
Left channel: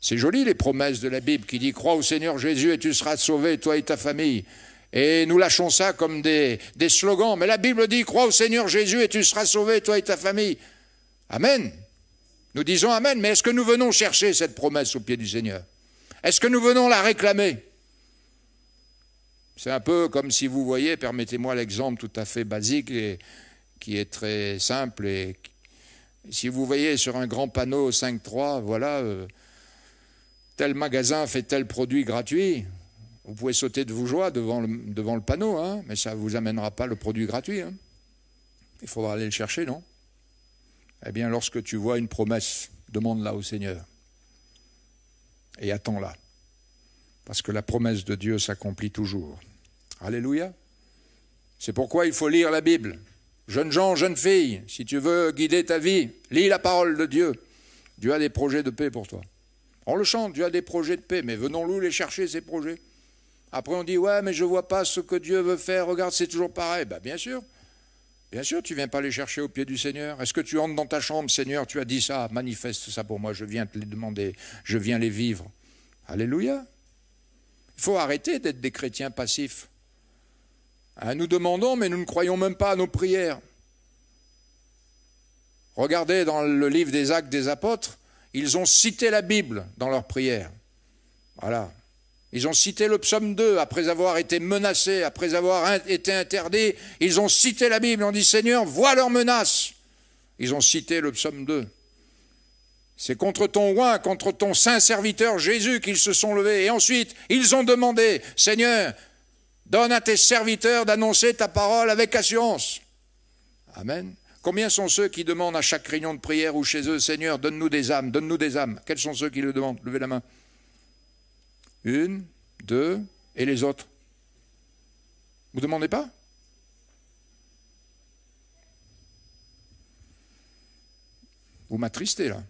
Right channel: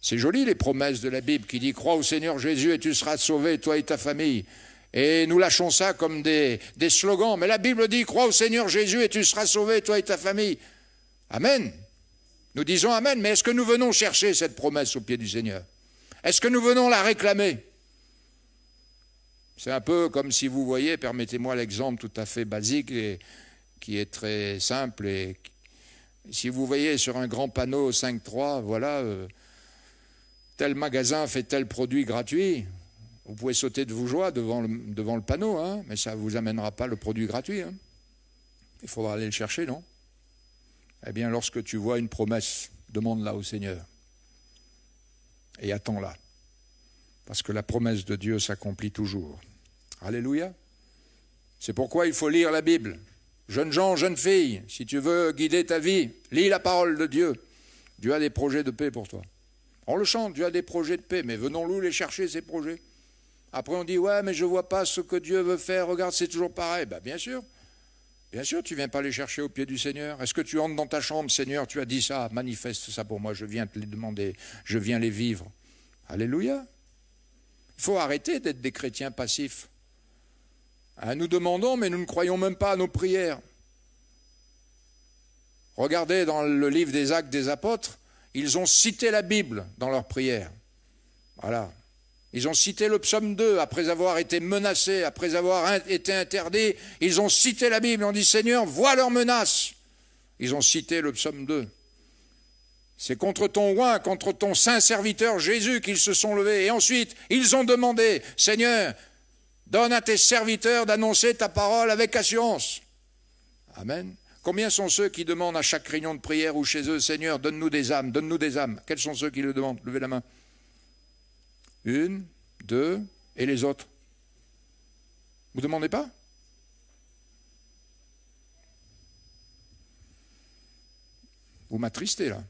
C'est joli les promesses de la Bible qui dit « Crois au Seigneur Jésus et tu seras sauvé, toi et ta famille ». Et nous lâchons ça comme des slogans. Mais la Bible dit « Crois au Seigneur Jésus et tu seras sauvé, toi et ta famille ». Amen. Nous disons Amen, mais est-ce que nous venons chercher cette promesse au pied du Seigneur? Est-ce que nous venons la réclamer? C'est un peu comme si vous voyez, permettez-moi l'exemple tout à fait basique et qui est très simple. Et si vous voyez sur un grand panneau 5.3, voilà, tel magasin fait tel produit gratuit, vous pouvez sauter de vos joies devant le panneau, hein, mais ça ne vous amènera pas le produit gratuit. Hein. Il faudra aller le chercher, non? Eh bien, lorsque tu vois une promesse, demande-la au Seigneur. Et attends-la. Parce que la promesse de Dieu s'accomplit toujours. Alléluia. C'est pourquoi il faut lire la Bible. Jeunes gens, jeunes filles, si tu veux guider ta vie, lis la parole de Dieu. Dieu a des projets de paix pour toi. On le chante, Dieu a des projets de paix, mais venons-nous les chercher, ces projets. Après on dit, ouais, mais je ne vois pas ce que Dieu veut faire, regarde, c'est toujours pareil. Ben, bien sûr, tu ne viens pas les chercher au pied du Seigneur. Est-ce que tu entres dans ta chambre, Seigneur, tu as dit ça, manifeste ça pour moi, je viens te les demander, je viens les vivre. Alléluia. Il faut arrêter d'être des chrétiens passifs. Hein, nous demandons, mais nous ne croyons même pas à nos prières. Regardez dans le livre des Actes des Apôtres, ils ont cité la Bible dans leurs prières. Voilà. Ils ont cité le psaume 2, après avoir été menacés, après avoir été interdits, ils ont cité la Bible, ils ont dit « Seigneur, vois leurs menaces ». Ils ont cité le psaume 2. C'est contre ton roi, contre ton saint serviteur Jésus qu'ils se sont levés. Et ensuite, ils ont demandé « Seigneur, donne à tes serviteurs d'annoncer ta parole avec assurance ». Amen. Combien sont ceux qui demandent à chaque réunion de prière ou chez eux « Seigneur, donne-nous des âmes, donne-nous des âmes ». Quels sont ceux qui le demandent? Levez la main. 1, 2, et les autres? Vous ne demandez pas? Vous m'attristez là.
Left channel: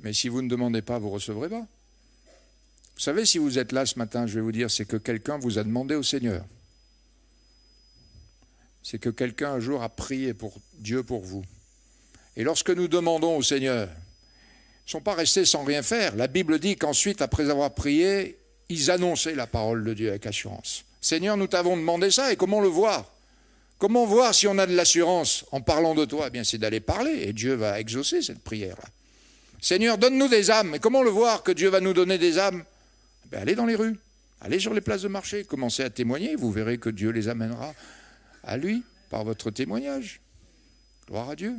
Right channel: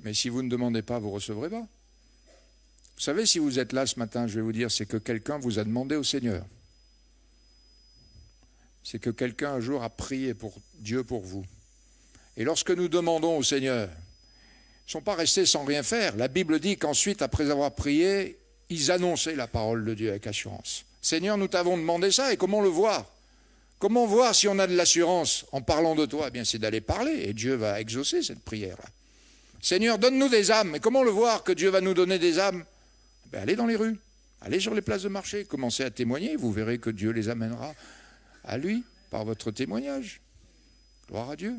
Mais si vous ne demandez pas, vous ne recevrez pas. Vous savez, si vous êtes là ce matin, je vais vous dire, c'est que quelqu'un vous a demandé au Seigneur. C'est que quelqu'un un jour a prié pour Dieu pour vous. Et lorsque nous demandons au Seigneur, ils ne sont pas restés sans rien faire. La Bible dit qu'ensuite, après avoir prié, ils annonçaient la parole de Dieu avec assurance. Seigneur, nous t'avons demandé ça, et comment le voir? Comment voir si on a de l'assurance en parlant de toi? Eh bien, c'est d'aller parler, et Dieu va exaucer cette prière-là. Seigneur, donne-nous des âmes. Mais comment le voir que Dieu va nous donner des âmes? Eh bien, allez dans les rues, allez sur les places de marché, commencez à témoigner, vous verrez que Dieu les amènera à lui par votre témoignage. Gloire à Dieu.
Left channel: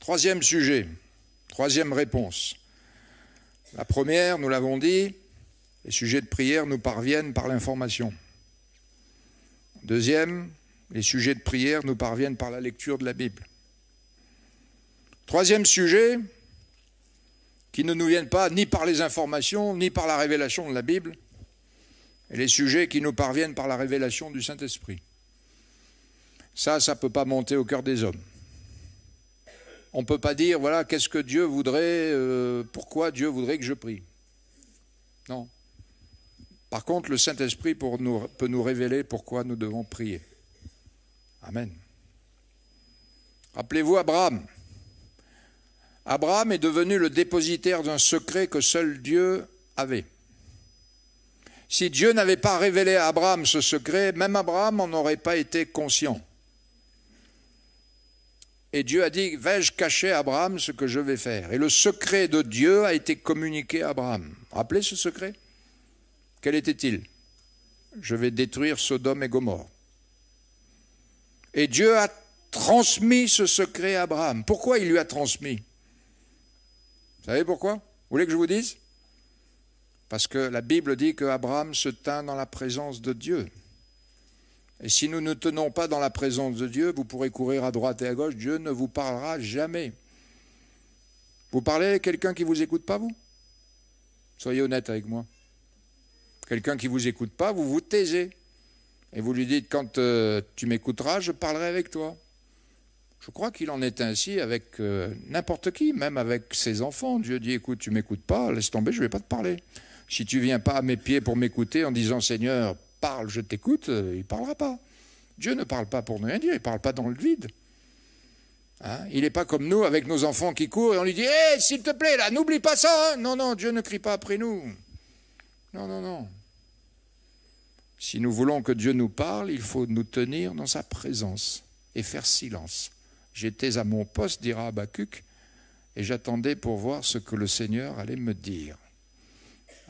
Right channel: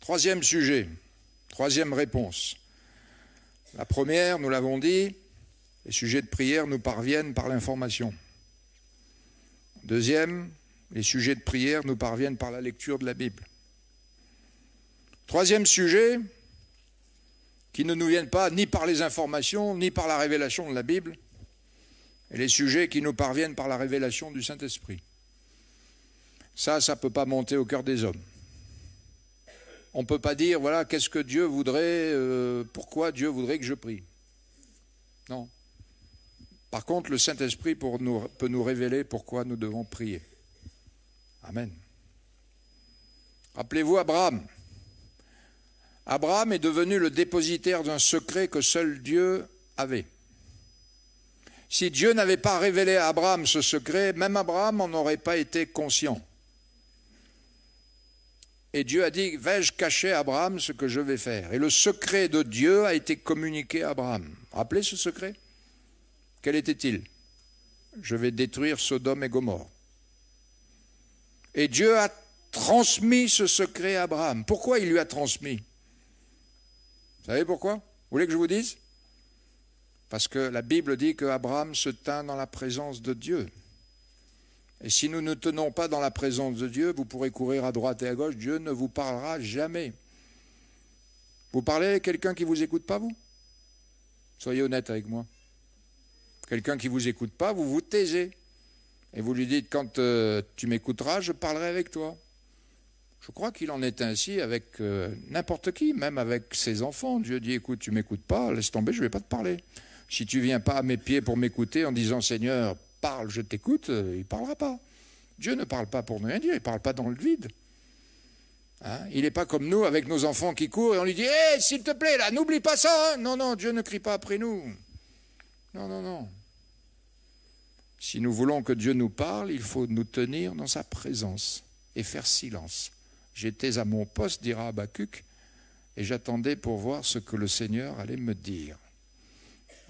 Troisième sujet. Troisième réponse. La première, nous l'avons dit, les sujets de prière nous parviennent par l'information. Deuxième, les sujets de prière nous parviennent par la lecture de la Bible. Troisième sujet, qui ne nous viennent pas ni par les informations, ni par la révélation de la Bible, et les sujets qui nous parviennent par la révélation du Saint-Esprit. Ça ne peut pas monter au cœur des hommes. On ne peut pas dire, voilà, qu'est-ce que Dieu voudrait, pourquoi Dieu voudrait que je prie. Non. Par contre, le Saint-Esprit peut nous révéler pourquoi nous devons prier. Amen. Rappelez-vous Abraham. Abraham est devenu le dépositaire d'un secret que seul Dieu avait. Si Dieu n'avait pas révélé à Abraham ce secret, même Abraham n'en aurait pas été conscient. Et Dieu a dit, vais-je cacher à Abraham ce que je vais faire? Et le secret de Dieu a été communiqué à Abraham. Rappelez ce secret? Quel était-il? Je vais détruire Sodome et Gomorrhe. Et Dieu a transmis ce secret à Abraham. Pourquoi il lui a transmis? Vous savez pourquoi? Vous voulez que je vous dise? Parce que la Bible dit qu'Abraham se tint dans la présence de Dieu. Et si nous ne tenons pas dans la présence de Dieu, vous pourrez courir à droite et à gauche, Dieu ne vous parlera jamais. Vous parlez à quelqu'un qui ne vous écoute pas, vous? Soyez honnête avec moi. Quelqu'un qui ne vous écoute pas, vous vous taisez. Et vous lui dites, quand tu m'écouteras, je parlerai avec toi. Je crois qu'il en est ainsi avec n'importe qui, même avec ses enfants. Dieu dit, écoute, tu ne m'écoutes pas, laisse tomber, je ne vais pas te parler. Si tu ne viens pas à mes pieds pour m'écouter en disant, Seigneur, parle, je t'écoute, il ne parlera pas. Dieu ne parle pas pour rien dire, il ne parle pas dans le vide. Hein? Il n'est pas comme nous avec nos enfants qui courent et on lui dit, hé, s'il te plaît, là, n'oublie pas ça. Hein? Non, non, Dieu ne crie pas après nous. Non, non, non. Si nous voulons que Dieu nous parle, il faut nous tenir dans sa présence et faire silence. J'étais à mon poste, dira Habacuc, et j'attendais pour voir ce que le Seigneur allait me dire.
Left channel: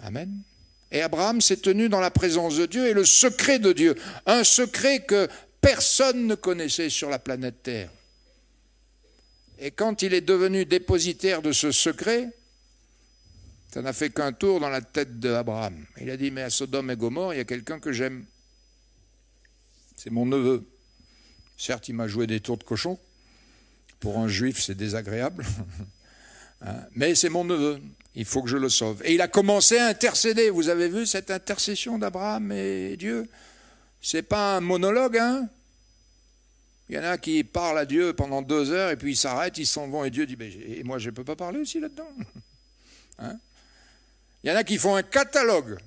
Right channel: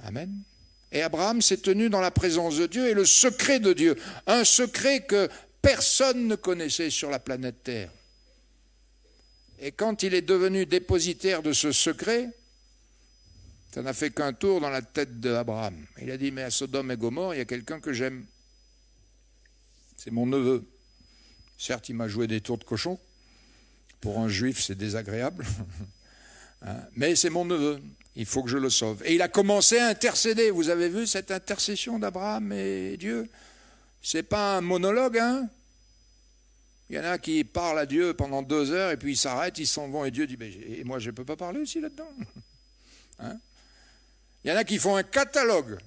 Amen. Et Abraham s'est tenu dans la présence de Dieu et le secret de Dieu, un secret que personne ne connaissait sur la planète Terre. Et quand il est devenu dépositaire de ce secret, ça n'a fait qu'un tour dans la tête d'Abraham. Il a dit, mais à Sodome et Gomorrhe, il y a quelqu'un que j'aime. C'est mon neveu. Certes, il m'a joué des tours de cochon. Pour un juif, c'est désagréable. Mais c'est mon neveu. Il faut que je le sauve. Et il a commencé à intercéder. Vous avez vu cette intercession d'Abraham et Dieu? C'est pas un monologue, hein? Il y en a qui parlent à Dieu pendant 2 heures et puis ils s'arrêtent, ils s'en vont et Dieu dit, et moi je ne peux pas parler aussi là-dedans. Hein? Il y en a qui font un catalogue.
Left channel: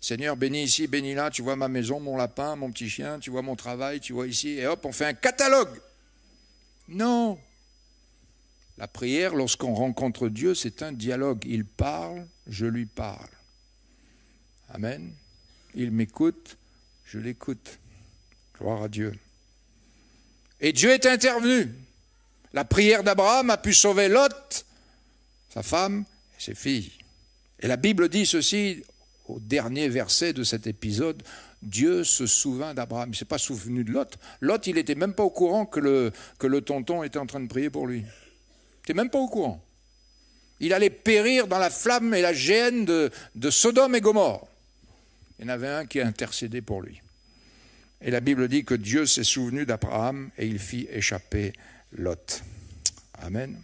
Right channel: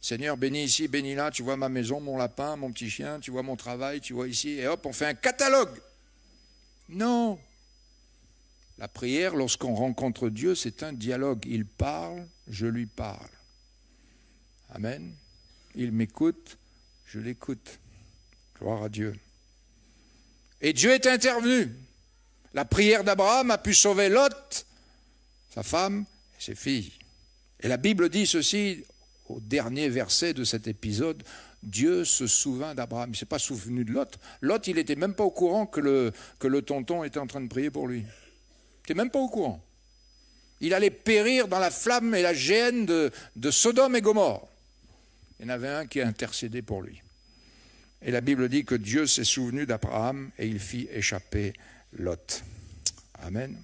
Seigneur, bénis ici, bénis là, tu vois ma maison, mon lapin, mon petit chien, tu vois mon travail, tu vois ici, et hop, on fait un catalogue. Non. La prière, lorsqu'on rencontre Dieu, c'est un dialogue. Il parle, je lui parle. Amen. Il m'écoute, je l'écoute. Gloire à Dieu. Et Dieu est intervenu. La prière d'Abraham a pu sauver Lot, sa femme et ses filles. Et la Bible dit ceci, au dernier verset de cet épisode, Dieu se souvint d'Abraham. Il ne s'est pas souvenu de Lot. Lot, il n'était même pas au courant que le tonton était en train de prier pour lui. Il n'était même pas au courant. Il allait périr dans la flamme et la géhenne de Sodome et Gomorrhe. Il y en avait un qui a intercédé pour lui. Et la Bible dit que Dieu s'est souvenu d'Abraham et il fit échapper Lot. Amen.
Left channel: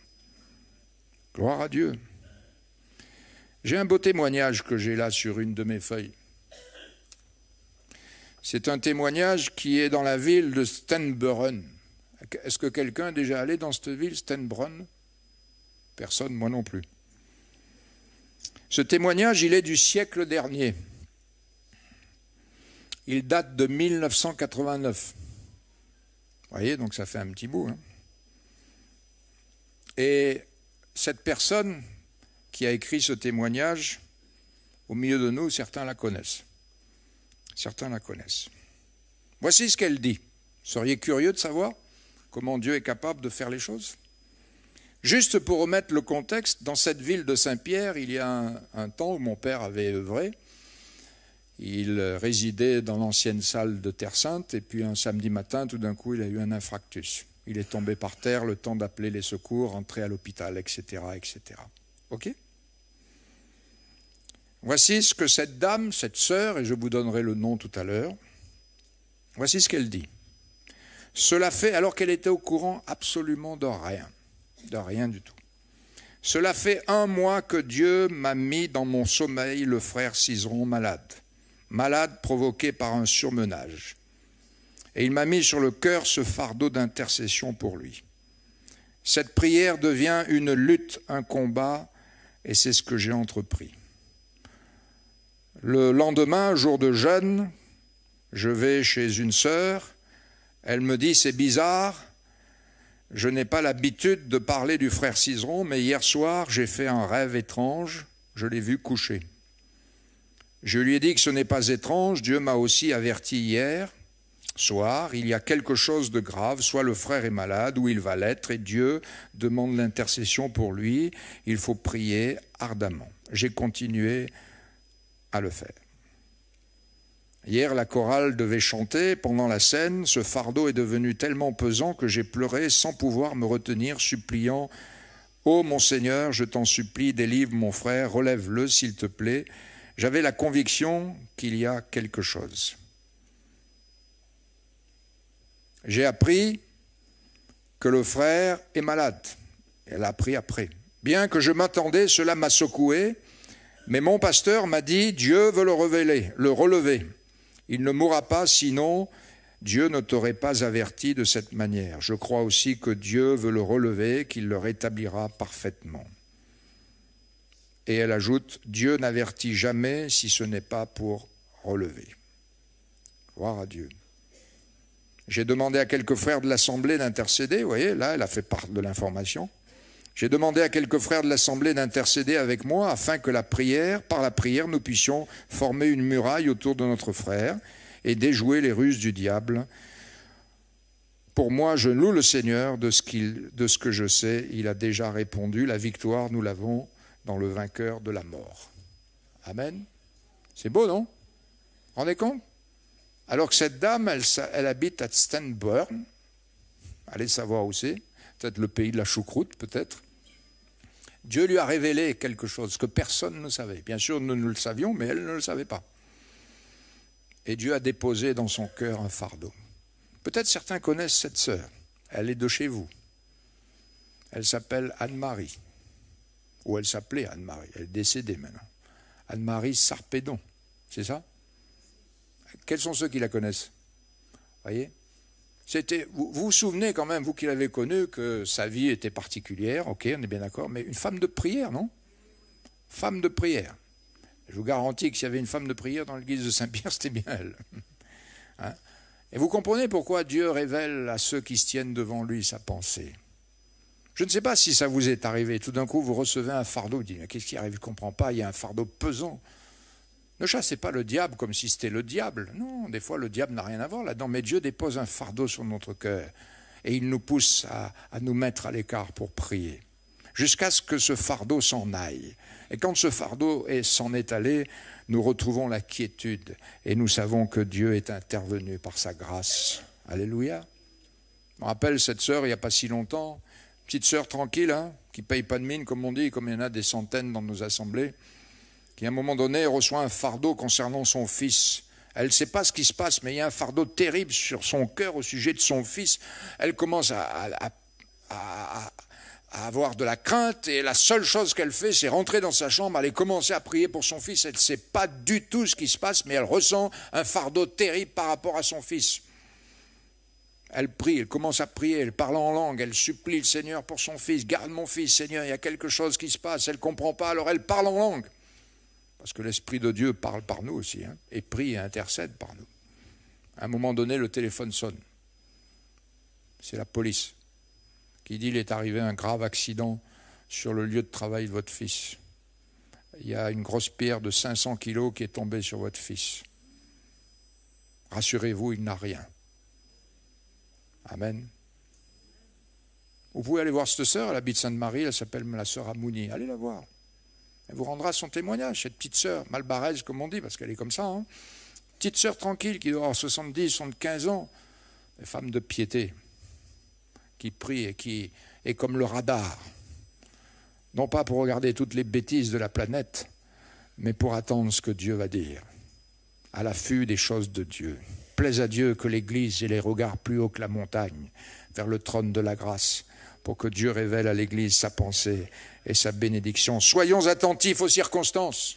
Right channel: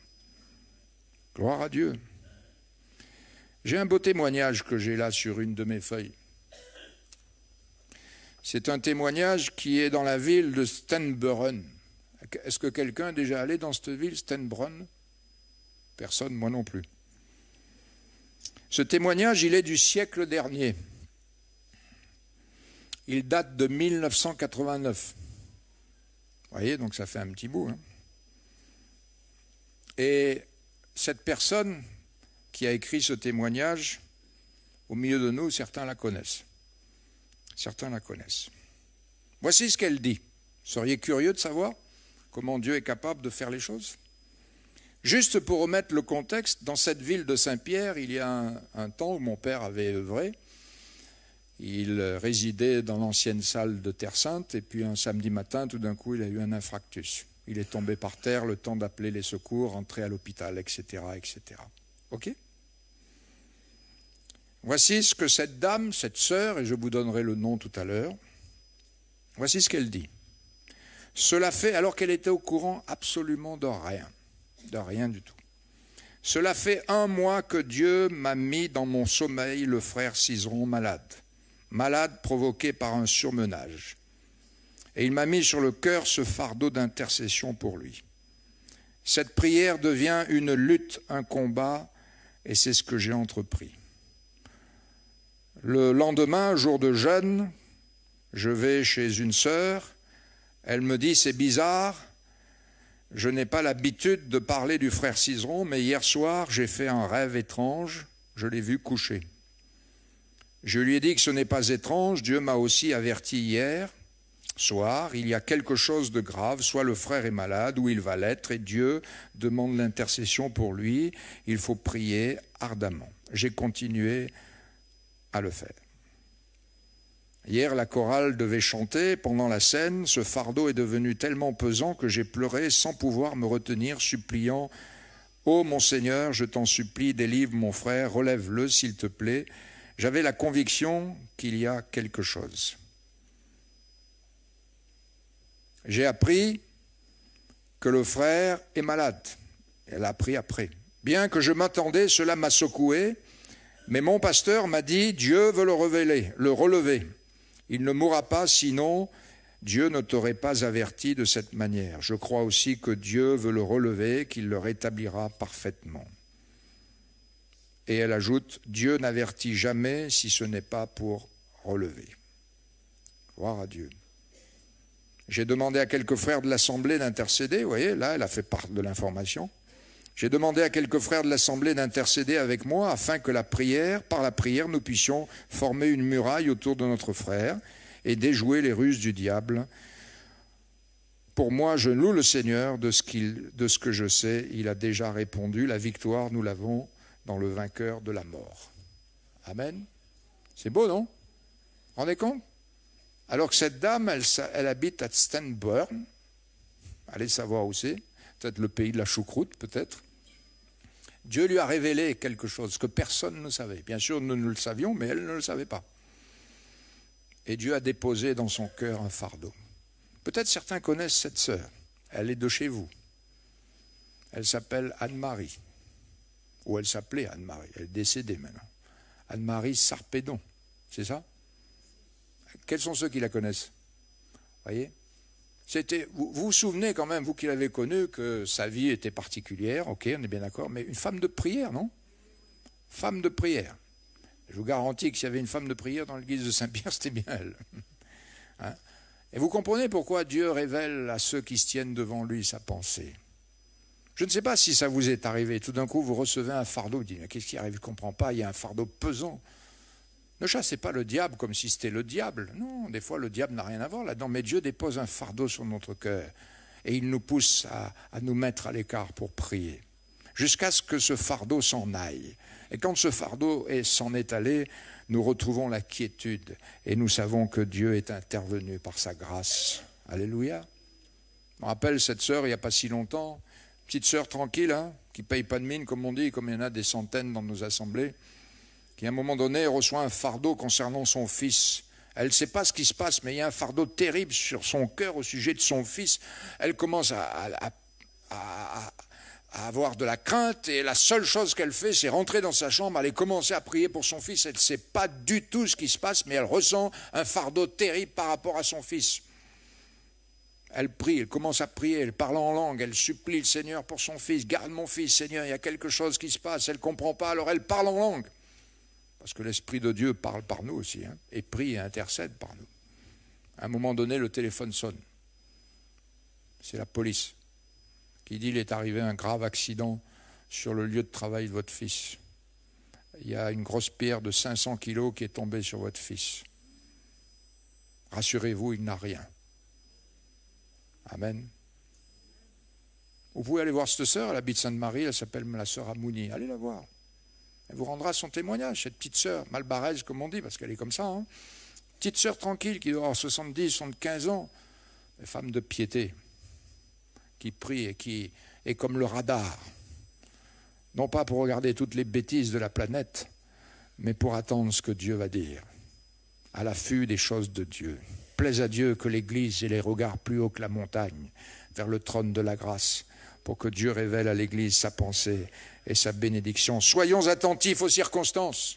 Gloire à Dieu. J'ai un beau témoignage que j'ai là sur une de mes feuilles. C'est un témoignage qui est dans la ville de Stenbrunn. Est-ce que quelqu'un est déjà allé dans cette ville, Stenbrunn? Personne, moi non plus. Ce témoignage, il est du siècle dernier. Il date de 1989. Vous voyez, donc ça fait un petit bout. Hein. Et cette personne qui a écrit ce témoignage, au milieu de nous, certains la connaissent. Certains la connaissent. Voici ce qu'elle dit. Vous seriez curieux de savoir comment Dieu est capable de faire les choses? Juste pour remettre le contexte, dans cette ville de Saint-Pierre, il y a un temps où mon père avait œuvré. Il résidait dans l'ancienne salle de Terre Sainte, et puis un samedi matin, tout d'un coup, il a eu un infarctus. Il est tombé par terre, le temps d'appeler les secours, rentrer à l'hôpital, etc., etc. OK? Voici ce que cette dame, cette sœur, et je vous donnerai le nom tout à l'heure, voici ce qu'elle dit. Cela fait, alors qu'elle était au courant absolument de rien du tout. Cela fait 1 mois que Dieu m'a mis dans mon sommeil le frère Cizeron malade provoqué par un surmenage. Et il m'a mis sur le cœur ce fardeau d'intercession pour lui. Cette prière devient une lutte, un combat, et c'est ce que j'ai entrepris. Le lendemain, jour de jeûne, je vais chez une sœur, elle me dit, c'est bizarre, je n'ai pas l'habitude de parler du frère Cizeron, mais hier soir, j'ai fait un rêve étrange, je l'ai vu coucher. Je lui ai dit que ce n'est pas étrange, Dieu m'a aussi averti hier soir, il y a quelque chose de grave, soit le frère est malade ou il va l'être, et Dieu demande l'intercession pour lui, il faut prier ardemment. J'ai continué à le faire. Hier, la chorale devait chanter. Pendant la scène, ce fardeau est devenu tellement pesant que j'ai pleuré sans pouvoir me retenir, suppliant « Ô mon Seigneur, je t'en supplie, délivre mon frère, relève-le s'il te plaît. » J'avais la conviction qu'il y a quelque chose. J'ai appris que le frère est malade. Elle a appris après. Bien que je m'attendais, cela m'a secoué, mais mon pasteur m'a dit « Dieu veut le relever. Il ne mourra pas, sinon Dieu ne t'aurait pas averti de cette manière. Je crois aussi que Dieu veut le relever, qu'il le rétablira parfaitement. » Et elle ajoute « Dieu n'avertit jamais si ce n'est pas pour relever. » Gloire à Dieu. J'ai demandé à quelques frères de l'Assemblée d'intercéder. Vous voyez, là, elle a fait part de l'information. J'ai demandé à quelques frères de l'Assemblée d'intercéder avec moi afin que par la prière, nous puissions former une muraille autour de notre frère et déjouer les ruses du diable. Pour moi, je loue le Seigneur de ce que je sais. Il a déjà répondu. La victoire, nous l'avons dans le vainqueur de la mort. Amen. C'est beau, non? Vous rendez compte? Alors que cette dame, elle habite à Stanburn. Allez savoir où c'est. Peut-être le pays de la choucroute, peut-être. Dieu lui a révélé quelque chose que personne ne savait. Bien sûr, nous le savions, mais elle ne le savait pas. Et Dieu a déposé dans son cœur un fardeau. Peut-être certains connaissent cette sœur. Elle est de chez vous. Elle s'appelle Anne-Marie. Ou elle s'appelait Anne-Marie. Elle est décédée maintenant. Anne-Marie Sarpédon. C'est ça? Quels sont ceux qui la connaissent? Voyez? Vous vous souvenez quand même, vous qui l'avez connue, que sa vie était particulière, ok, on est bien d'accord, mais une femme de prière, non? Femme de prière. Je vous garantis que s'il y avait une femme de prière dans l'église de Saint-Pierre, c'était bien elle. Hein? Et vous comprenez pourquoi Dieu révèle à ceux qui se tiennent devant lui sa pensée. Je ne sais pas si ça vous est arrivé, tout d'un coup vous recevez un fardeau, vous dites, mais qu'est-ce qui arrive, je ne comprends pas, il y a un fardeau pesant. Ne chassez pas le diable comme si c'était le diable. Non, des fois le diable n'a rien à voir là-dedans, mais Dieu dépose un fardeau sur notre cœur et il nous pousse à nous mettre à l'écart pour prier, jusqu'à ce que ce fardeau s'en aille. Et quand ce fardeau s'en est allé, nous retrouvons la quiétude et nous savons que Dieu est intervenu par sa grâce. Alléluia. Je me rappelle cette sœur, il n'y a pas si longtemps, petite sœur tranquille, hein, qui ne paye pas de mine, comme on dit, comme il y en a des centaines dans nos assemblées, qui à un moment donné reçoit un fardeau concernant son fils. Elle ne sait pas ce qui se passe, mais il y a un fardeau terrible sur son cœur au sujet de son fils. Elle commence à avoir de la crainte, et la seule chose qu'elle fait, c'est rentrer dans sa chambre, aller commencer à prier pour son fils. Elle ne sait pas du tout ce qui se passe, mais elle ressent un fardeau terrible par rapport à son fils. Elle prie, elle commence à prier, elle parle en langue, elle supplie le Seigneur pour son fils. Garde mon fils, Seigneur, il y a quelque chose qui se passe. Elle ne comprend pas, alors elle parle en langue. Parce que l'Esprit de Dieu parle par nous aussi, hein, et prie et intercède par nous. À un moment donné, le téléphone sonne. C'est la police qui dit qu'il est arrivé un grave accident sur le lieu de travail de votre fils. Il y a une grosse pierre de 500 kilos qui est tombée sur votre fils. Rassurez-vous, il n'a rien. Amen. Vous pouvez aller voir cette sœur, elle habite Sainte-Marie, elle s'appelle la sœur Amouni. Allez la voir. Elle vous rendra son témoignage, cette petite sœur, malbaraise comme on dit, parce qu'elle est comme ça. Hein. Petite sœur tranquille qui doit avoir 70, 75 ans, une femme de piété, qui prie et qui est comme le radar. Non pas pour regarder toutes les bêtises de la planète, mais pour attendre ce que Dieu va dire, à l'affût des choses de Dieu. Plaise à Dieu que l'Église ait les regards plus hauts que la montagne, vers le trône de la grâce, pour que Dieu révèle à l'Église sa pensée et sa bénédiction. Soyons attentifs aux circonstances,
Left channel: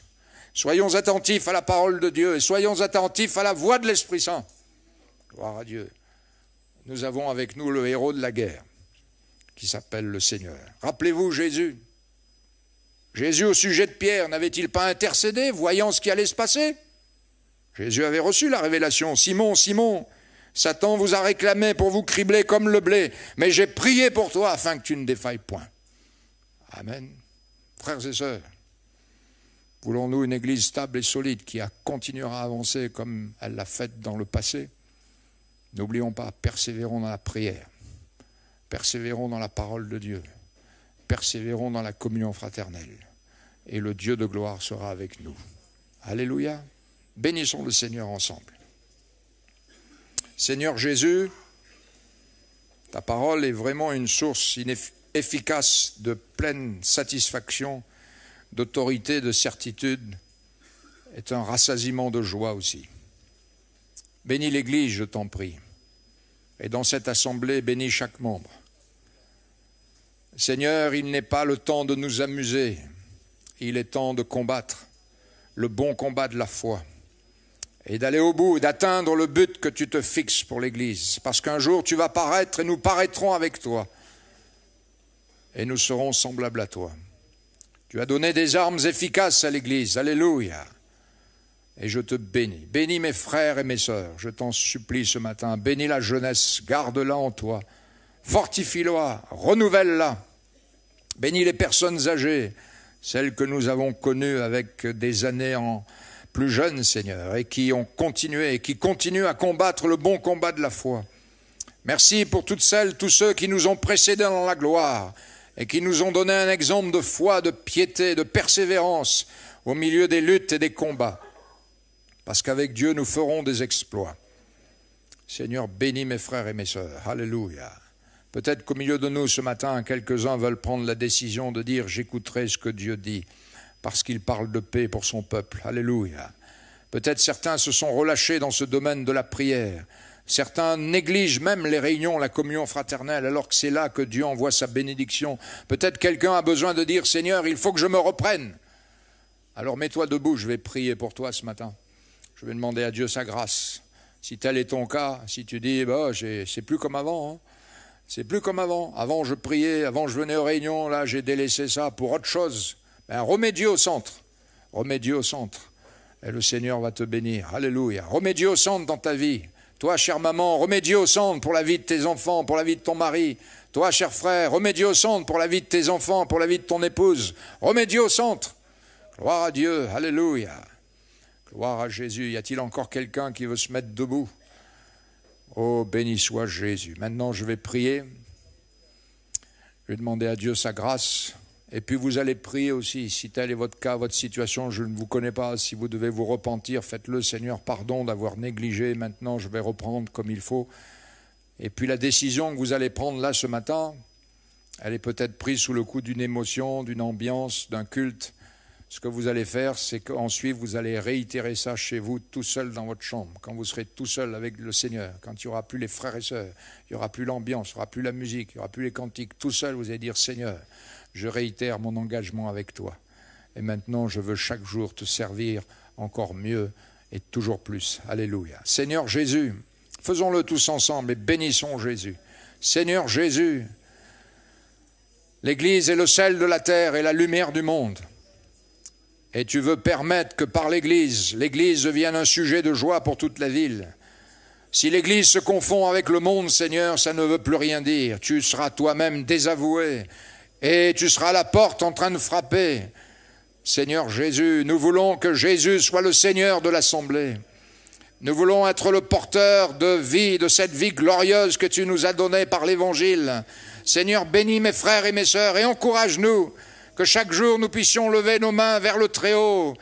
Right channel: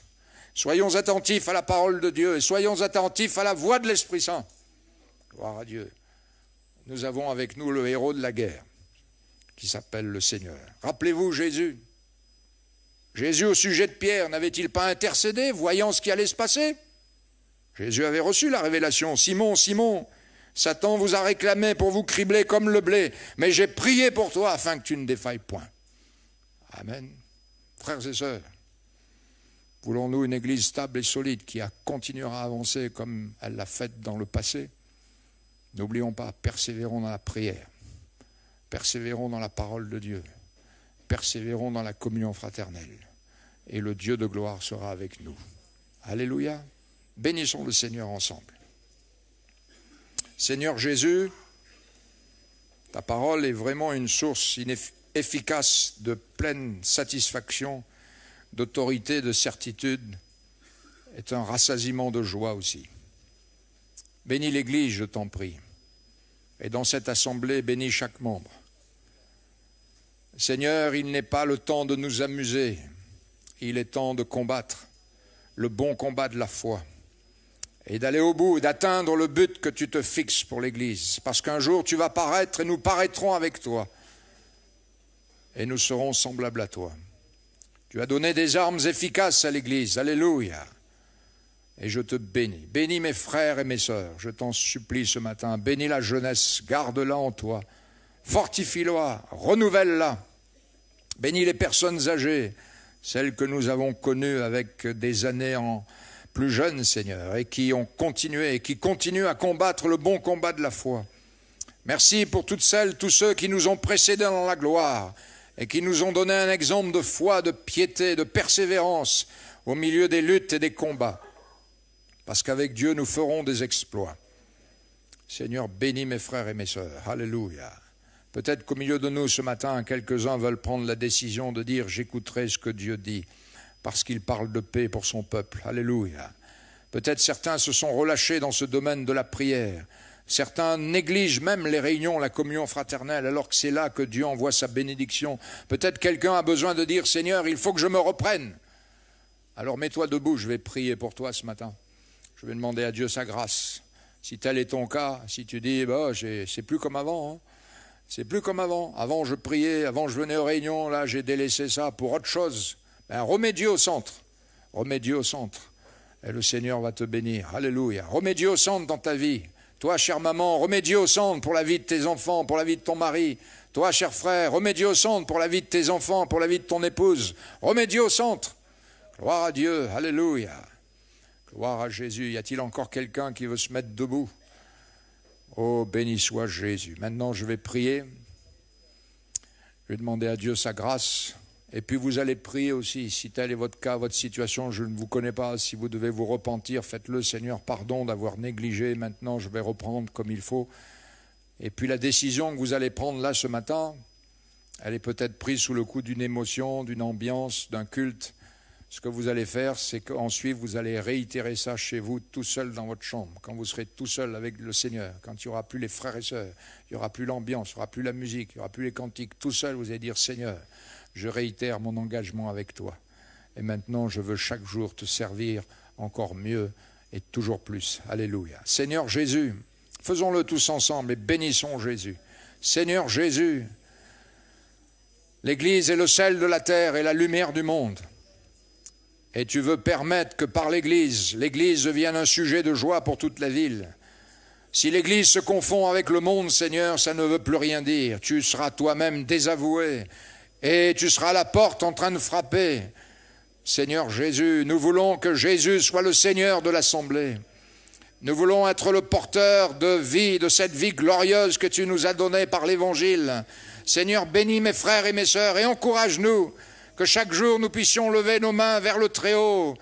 soyons attentifs à la parole de Dieu, et soyons attentifs à la voix de l'Esprit Saint. Gloire à Dieu. Nous avons avec nous le héros de la guerre, qui s'appelle le Seigneur. Rappelez-vous Jésus. Jésus au sujet de Pierre, n'avait-il pas intercédé, voyant ce qui allait se passer? Jésus avait reçu la révélation. Simon, Simon, Satan vous a réclamé pour vous cribler comme le blé, mais j'ai prié pour toi afin que tu ne défailles point. Amen. Frères et sœurs, voulons-nous une église stable et solide qui continuera à avancer comme elle l'a fait dans le passé? N'oublions pas, persévérons dans la prière, persévérons dans la parole de Dieu, persévérons dans la communion fraternelle, et le Dieu de gloire sera avec nous. Alléluia. Bénissons le Seigneur ensemble. Seigneur Jésus, ta parole est vraiment une source efficace de pleine satisfaction, d'autorité, de certitude, est un rassasiement de joie aussi. Bénis l'Église, je t'en prie, et dans cette assemblée, bénis chaque membre. Seigneur, il n'est pas le temps de nous amuser, il est temps de combattre le bon combat de la foi et d'aller au bout, d'atteindre le but que tu te fixes pour l'Église, parce qu'un jour tu vas paraître et nous paraîtrons avec toi et nous serons semblables à toi. Tu as donné des armes efficaces à l'Église, alléluia, et je te bénis. Bénis mes frères et mes sœurs, je t'en supplie ce matin, bénis la jeunesse, garde-la en toi, fortifie-la, renouvelle-la, bénis les personnes âgées, celles que nous avons connues avec des années en plus jeunes, Seigneur, et qui ont continué, et qui continuent à combattre le bon combat de la foi. Merci pour toutes celles, tous ceux qui nous ont précédés dans la gloire, et qui nous ont donné un exemple de foi, de piété, de persévérance, au milieu des luttes et des combats. Parce qu'avec Dieu, nous ferons des exploits. Seigneur, bénis mes frères et mes sœurs. Alléluia. Peut-être qu'au milieu de nous ce matin, quelques-uns veulent prendre la décision de dire « j'écouterai ce que Dieu dit » parce qu'il parle de paix pour son peuple. Alléluia. Peut-être certains se sont relâchés dans ce domaine de la prière. Certains négligent même les réunions, la communion fraternelle, alors que c'est là que Dieu envoie sa bénédiction. Peut-être quelqu'un a besoin de dire « Seigneur, il faut que je me reprenne ». Alors mets-toi debout, je vais prier pour toi ce matin. Je vais demander à Dieu sa grâce. Si tel est ton cas, si tu dis bah, « c'est plus comme avant hein. ». C'est plus comme avant. Avant, je priais, avant, je venais aux réunions. Là, j'ai délaissé ça pour autre chose. Ben, remets Dieu au centre. Remets Dieu au centre. Et le Seigneur va te bénir. Alléluia. Remets Dieu au centre dans ta vie. Toi, chère maman, remets Dieu au centre pour la vie de tes enfants, pour la vie de ton mari. Toi, cher frère, remets Dieu au centre pour la vie de tes enfants, pour la vie de ton épouse. Remets Dieu au centre. Gloire à Dieu. Alléluia. Gloire à Jésus. Y a-t-il encore quelqu'un qui veut se mettre debout ? Oh, béni soit Jésus. Maintenant, je vais prier. Je vais demander à Dieu sa grâce. Et puis, vous allez prier aussi. Si tel est votre cas, votre situation, je ne vous connais pas. Si vous devez vous repentir, faites-le. Seigneur, pardon d'avoir négligé. Maintenant, je vais reprendre comme il faut. Et puis, la décision que vous allez prendre là ce matin, elle est peut-être prise sous le coup d'une émotion, d'une ambiance, d'un culte. Ce que vous allez faire, c'est qu'ensuite vous allez réitérer ça chez vous, tout seul dans votre chambre, quand vous serez tout seul avec le Seigneur, quand il n'y aura plus les frères et sœurs, il n'y aura plus l'ambiance, il n'y aura plus la musique, il n'y aura plus les cantiques, tout seul vous allez dire « Seigneur, je réitère mon engagement avec toi. Et maintenant, je veux chaque jour te servir encore mieux et toujours plus. Alléluia. Seigneur Jésus, faisons-le tous ensemble et bénissons Jésus. Seigneur Jésus, l'Église est le sel de la terre et la lumière du monde. Et tu veux permettre que par l'Église devienne un sujet de joie pour toute la ville. Si l'Église se confond avec le monde, Seigneur, ça ne veut plus rien dire. Tu seras toi-même désavoué et tu seras à la porte en train de frapper. Seigneur Jésus, nous voulons que Jésus soit le Seigneur de l'Assemblée. Nous voulons être le porteur de vie, de cette vie glorieuse que tu nous as donnée par l'Évangile. Seigneur, bénis mes frères et mes sœurs et encourage-nous. Que chaque jour nous puissions lever nos mains vers le Très-Haut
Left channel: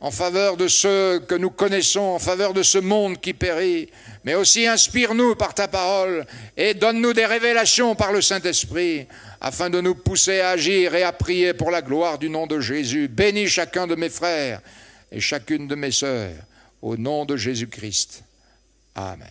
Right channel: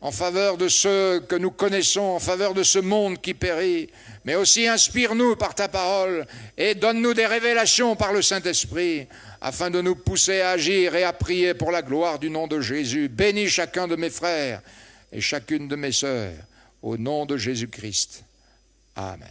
en faveur de ceux que nous connaissons, en faveur de ce monde qui périt. Mais aussi inspire-nous par ta parole et donne-nous des révélations par le Saint-Esprit afin de nous pousser à agir et à prier pour la gloire du nom de Jésus. Bénis chacun de mes frères et chacune de mes sœurs au nom de Jésus-Christ. Amen.